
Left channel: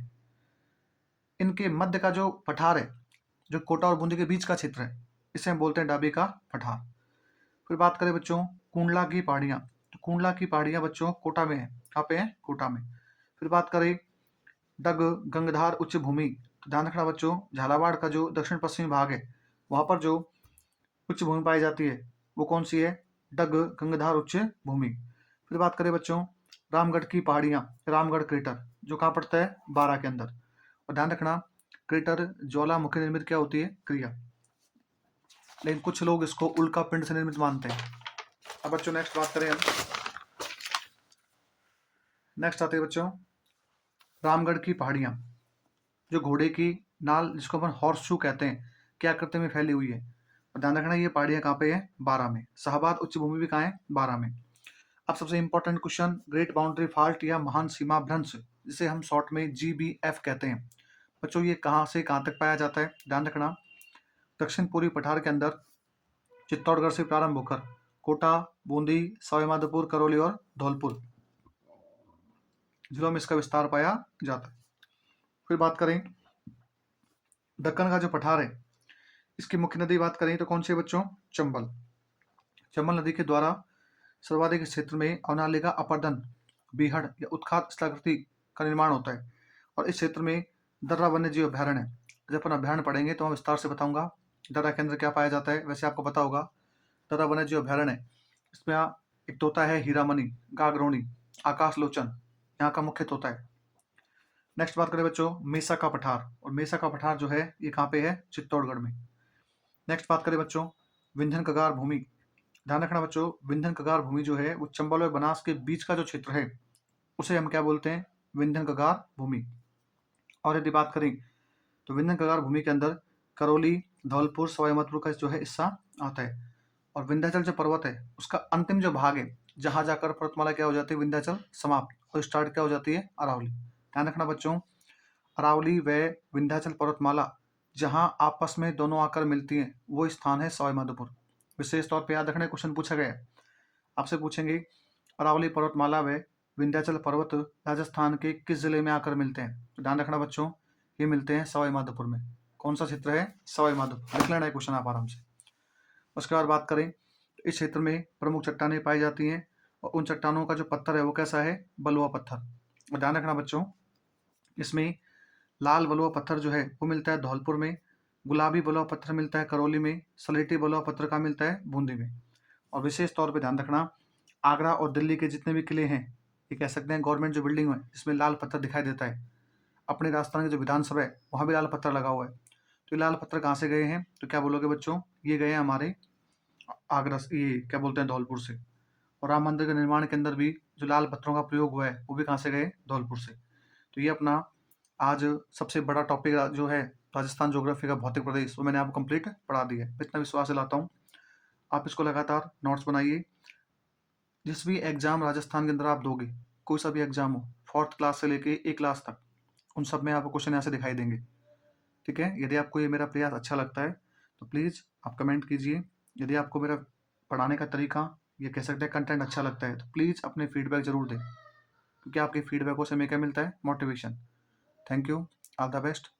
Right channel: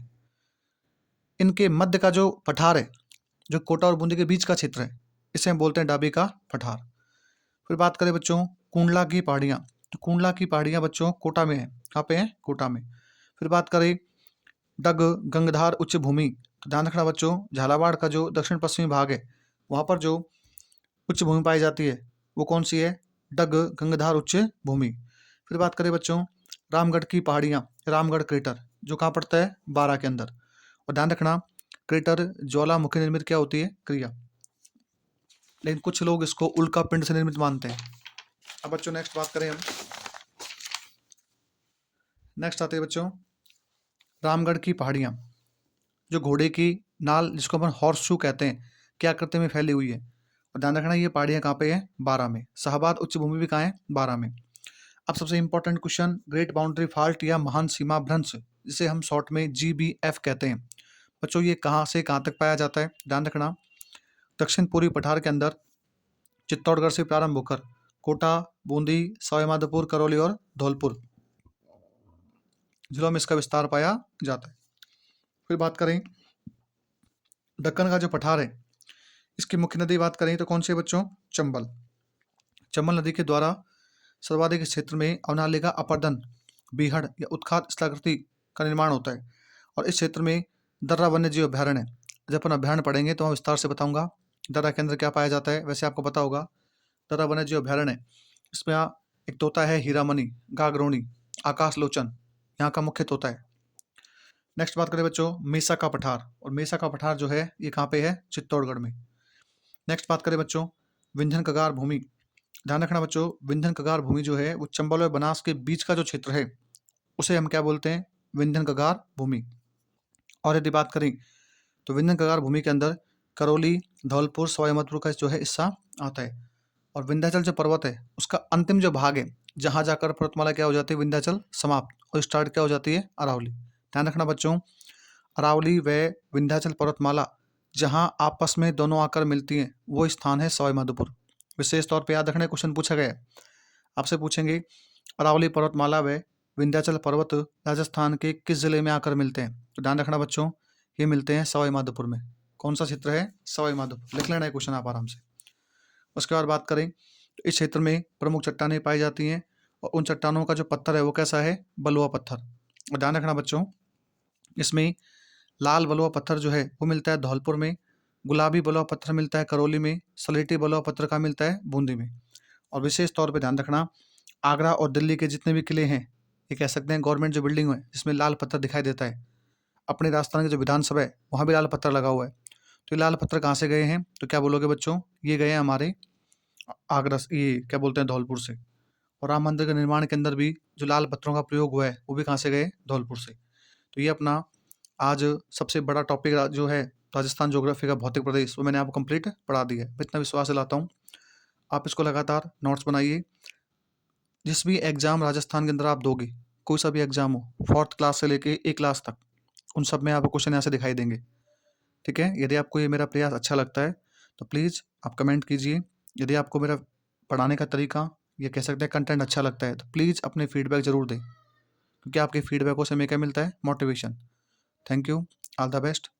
इनके मध्य का जो पठार है, जो कोटा और बूंदी के बीच का क्षेत्र है, इसे हम बोलते हैं डाबी का पठार। फिर बात करें बच्चों कुंडला की पहाड़ियाँ, तो कुंडला की पहाड़ियाँ बच्चों कोटा में है। कहाँ पे है? कोटा में। फिर बात करें डग गंगधार उच्च भूमि, तो ध्यान रखना बच्चों, झालावाड़ का जो दक्षिण पश्चिमी भाग है, वहाँ पर जो उच्च भूमि पाई जाती है, वो कौन सी है? डग गंगधार उच्च भूमि। फिर बात करें बच्चों रामगढ़ की पहाड़ियाँ, रामगढ़ क्रेटर, जो कहाँ पड़ता है? बारां के अंदर। और ध्यान रखना, क्रेटर ज्वालामुखी निर्मित क्या होती है? क्रिया, लेकिन कुछ लोग इसको उल्का पिंड से निर्मित मानते हैं। अब बच्चों नेक्स्ट बात करें हम, नेक्स्ट आते हैं बच्चों रामगढ़ की पहाड़ियाँ, जो घोड़े की नाल, जिसको अपन हॉर्स शू कहते हैं, क्या आकृति में फैली हुई है। और ध्यान रखना, ये पहाड़ियाँ कहाँ पे है? बारां में। शाहबाद उच्च भूमि भी कहाँ है? बारां में। अब सबसे important question, great boundary fault या महान सीमा भ्रंश, जिसे हम शॉर्ट में GBF कहते हैं, बच्चों ये कहाँ से कहाँ तक पाया जाता है? ध्यान रखना, दक्षिण पूर्वी पठार के अंदर चित्तौड़गढ़ से प्रारंभ होकर कोटा, बूंदी, सवाईमाधोपुर, करौली और धौलपुर जिलों में इसका विस्तार पाया जाता है। फिर बात करें दक्कन का जो पठार है, इसकी मुख्य नदी बात करें तो कौन सी है बच्चों? चंबल। चंबल नदी के द्वारा सर्वाधिक इस क्षेत्र में अवनालिका अपर्दन, बीहड़ या उत्खात स्थलाकृति का निर्माण होता है। और इस क्षेत्र में दर्रा वन्य जीव अभ्यारण्य है। जब अपन अभ्यारण्य पढ़ेंगे तो हम विस्तार से बताऊंगा दर्रा के अंदर क्या पाया जाता है। वैसे आपको पता होगा, दर्रा वन्य जीव अभ्यारण्य है, इसमें एक तोता है हीरामणि, गागरोनी, आकाश लोचन, यहाँ का मुख्य तोता है। नेक्स्ट बात करें बच्चों मेसा का पठार, और मेसा का पठार जो है ये कहाँ पे है? चित्तौड़गढ़ में। नेक्स्ट बात करें बच्चों विंध्यन कगार भूमि। ध्यान रखना बच्चों, विंध्यन कगार भूमि जो है वो चंबल और बनास के बीच का जो क्षेत्र है, उसे हम क्या बोलते हैं? विंध्यन कगार भूमि। और यदि बात करें तो विंध्यन कगार भूमि के अंदर करौली, धौलपुर, सवाईमाधोपुर का जो है हिस्सा आता है। और विंध्याचल जो पर्वत है, उसका अंतिम जो भाग है, जहाँ जाकर पर्वतमाला क्या हो जाती है? विंध्याचल समाप्त, और स्टार्ट क्या हो जाती है? अरावली। ध्यान रखना बच्चों, अरावली व विंध्याचल पर्वतमाला जहाँ आपस में दोनों आकर मिलती हैं, वो स्थान है सवाईमाधोपुर। विशेष तौर पर याद रखना, क्वेश्चन पूछा गया है, आपसे पूछेंगे अरावली पर्वतमाला व विंध्याचल पर्वत राजस्थान के किस जिले में आकर मिलते हैं? तो ध्यान रखना बच्चों, ये मिलते हैं सवाईमाधोपुर में। कौन सा क्षेत्र है? सवाईमाधोपुर। लिख लेना है क्वेश्चन आप आराम से। उसके बाद बात करें तो इस क्षेत्र में प्रमुख चट्टानें पाई जाती हैं, और उन चट्टानों का जो पत्थर है वो कैसा है? बलुआ पत्थर। और ध्यान रखना बच्चों, इसमें लाल बलुआ पत्थर जो है वो मिलता है धौलपुर में, गुलाबी बलुआ पत्थर मिलता है करौली में, सलेटी बलुआ पत्थर का मिलता है बूंदी में। और विशेष तौर पर ध्यान रखना, आगरा और दिल्ली के जितने भी किले हैं, ये कह सकते हैं गवर्नमेंट जो बिल्डिंग है जिसमें लाल पत्थर दिखाई देता है, अपने राजस्थान की जो विधानसभा है वहाँ भी लाल पत्थर लगा हुआ है। तो ये लाल पत्थर कहाँ से गए हैं? तो क्या बोलोगे बच्चों? ये गए हैं हमारे आगरा से, ये क्या बोलते हैं धौलपुर से। और राम मंदिर के निर्माण के अंदर भी जो लाल पत्थरों का प्रयोग हुआ है वो भी कहाँ से गए? धौलपुर से। तो ये अपना आज सबसे बड़ा टॉपिक जो है राजस्थान ज्योग्राफी का भौतिक प्रदेश, वो मैंने आपको कंप्लीट पढ़ा दिया है। इतना विश्वास दिलाता हूँ, आप इसको लगातार नोट्स बनाइए। जिस भी एग्जाम राजस्थान के अंदर आप दोगे, कोई सा भी एग्जाम हो, 4th क्लास से लेके A क्लास तक, उन सब में आपको क्वेश्चन यहाँ से दिखाई देंगे। ठीक है, यदि आपको ये मेरा प्रयास अच्छा लगता है तो प्लीज़ आप कमेंट कीजिए। यदि आपको मेरा पढ़ाने का तरीका, ये कह सकते हैं कंटेंट अच्छा लगता है, तो प्लीज़ अपने फीडबैक ज़रूर दें, क्योंकि आपके फीडबैकों से हमें क्या मिलता है? Motivation. Thank you, all the best.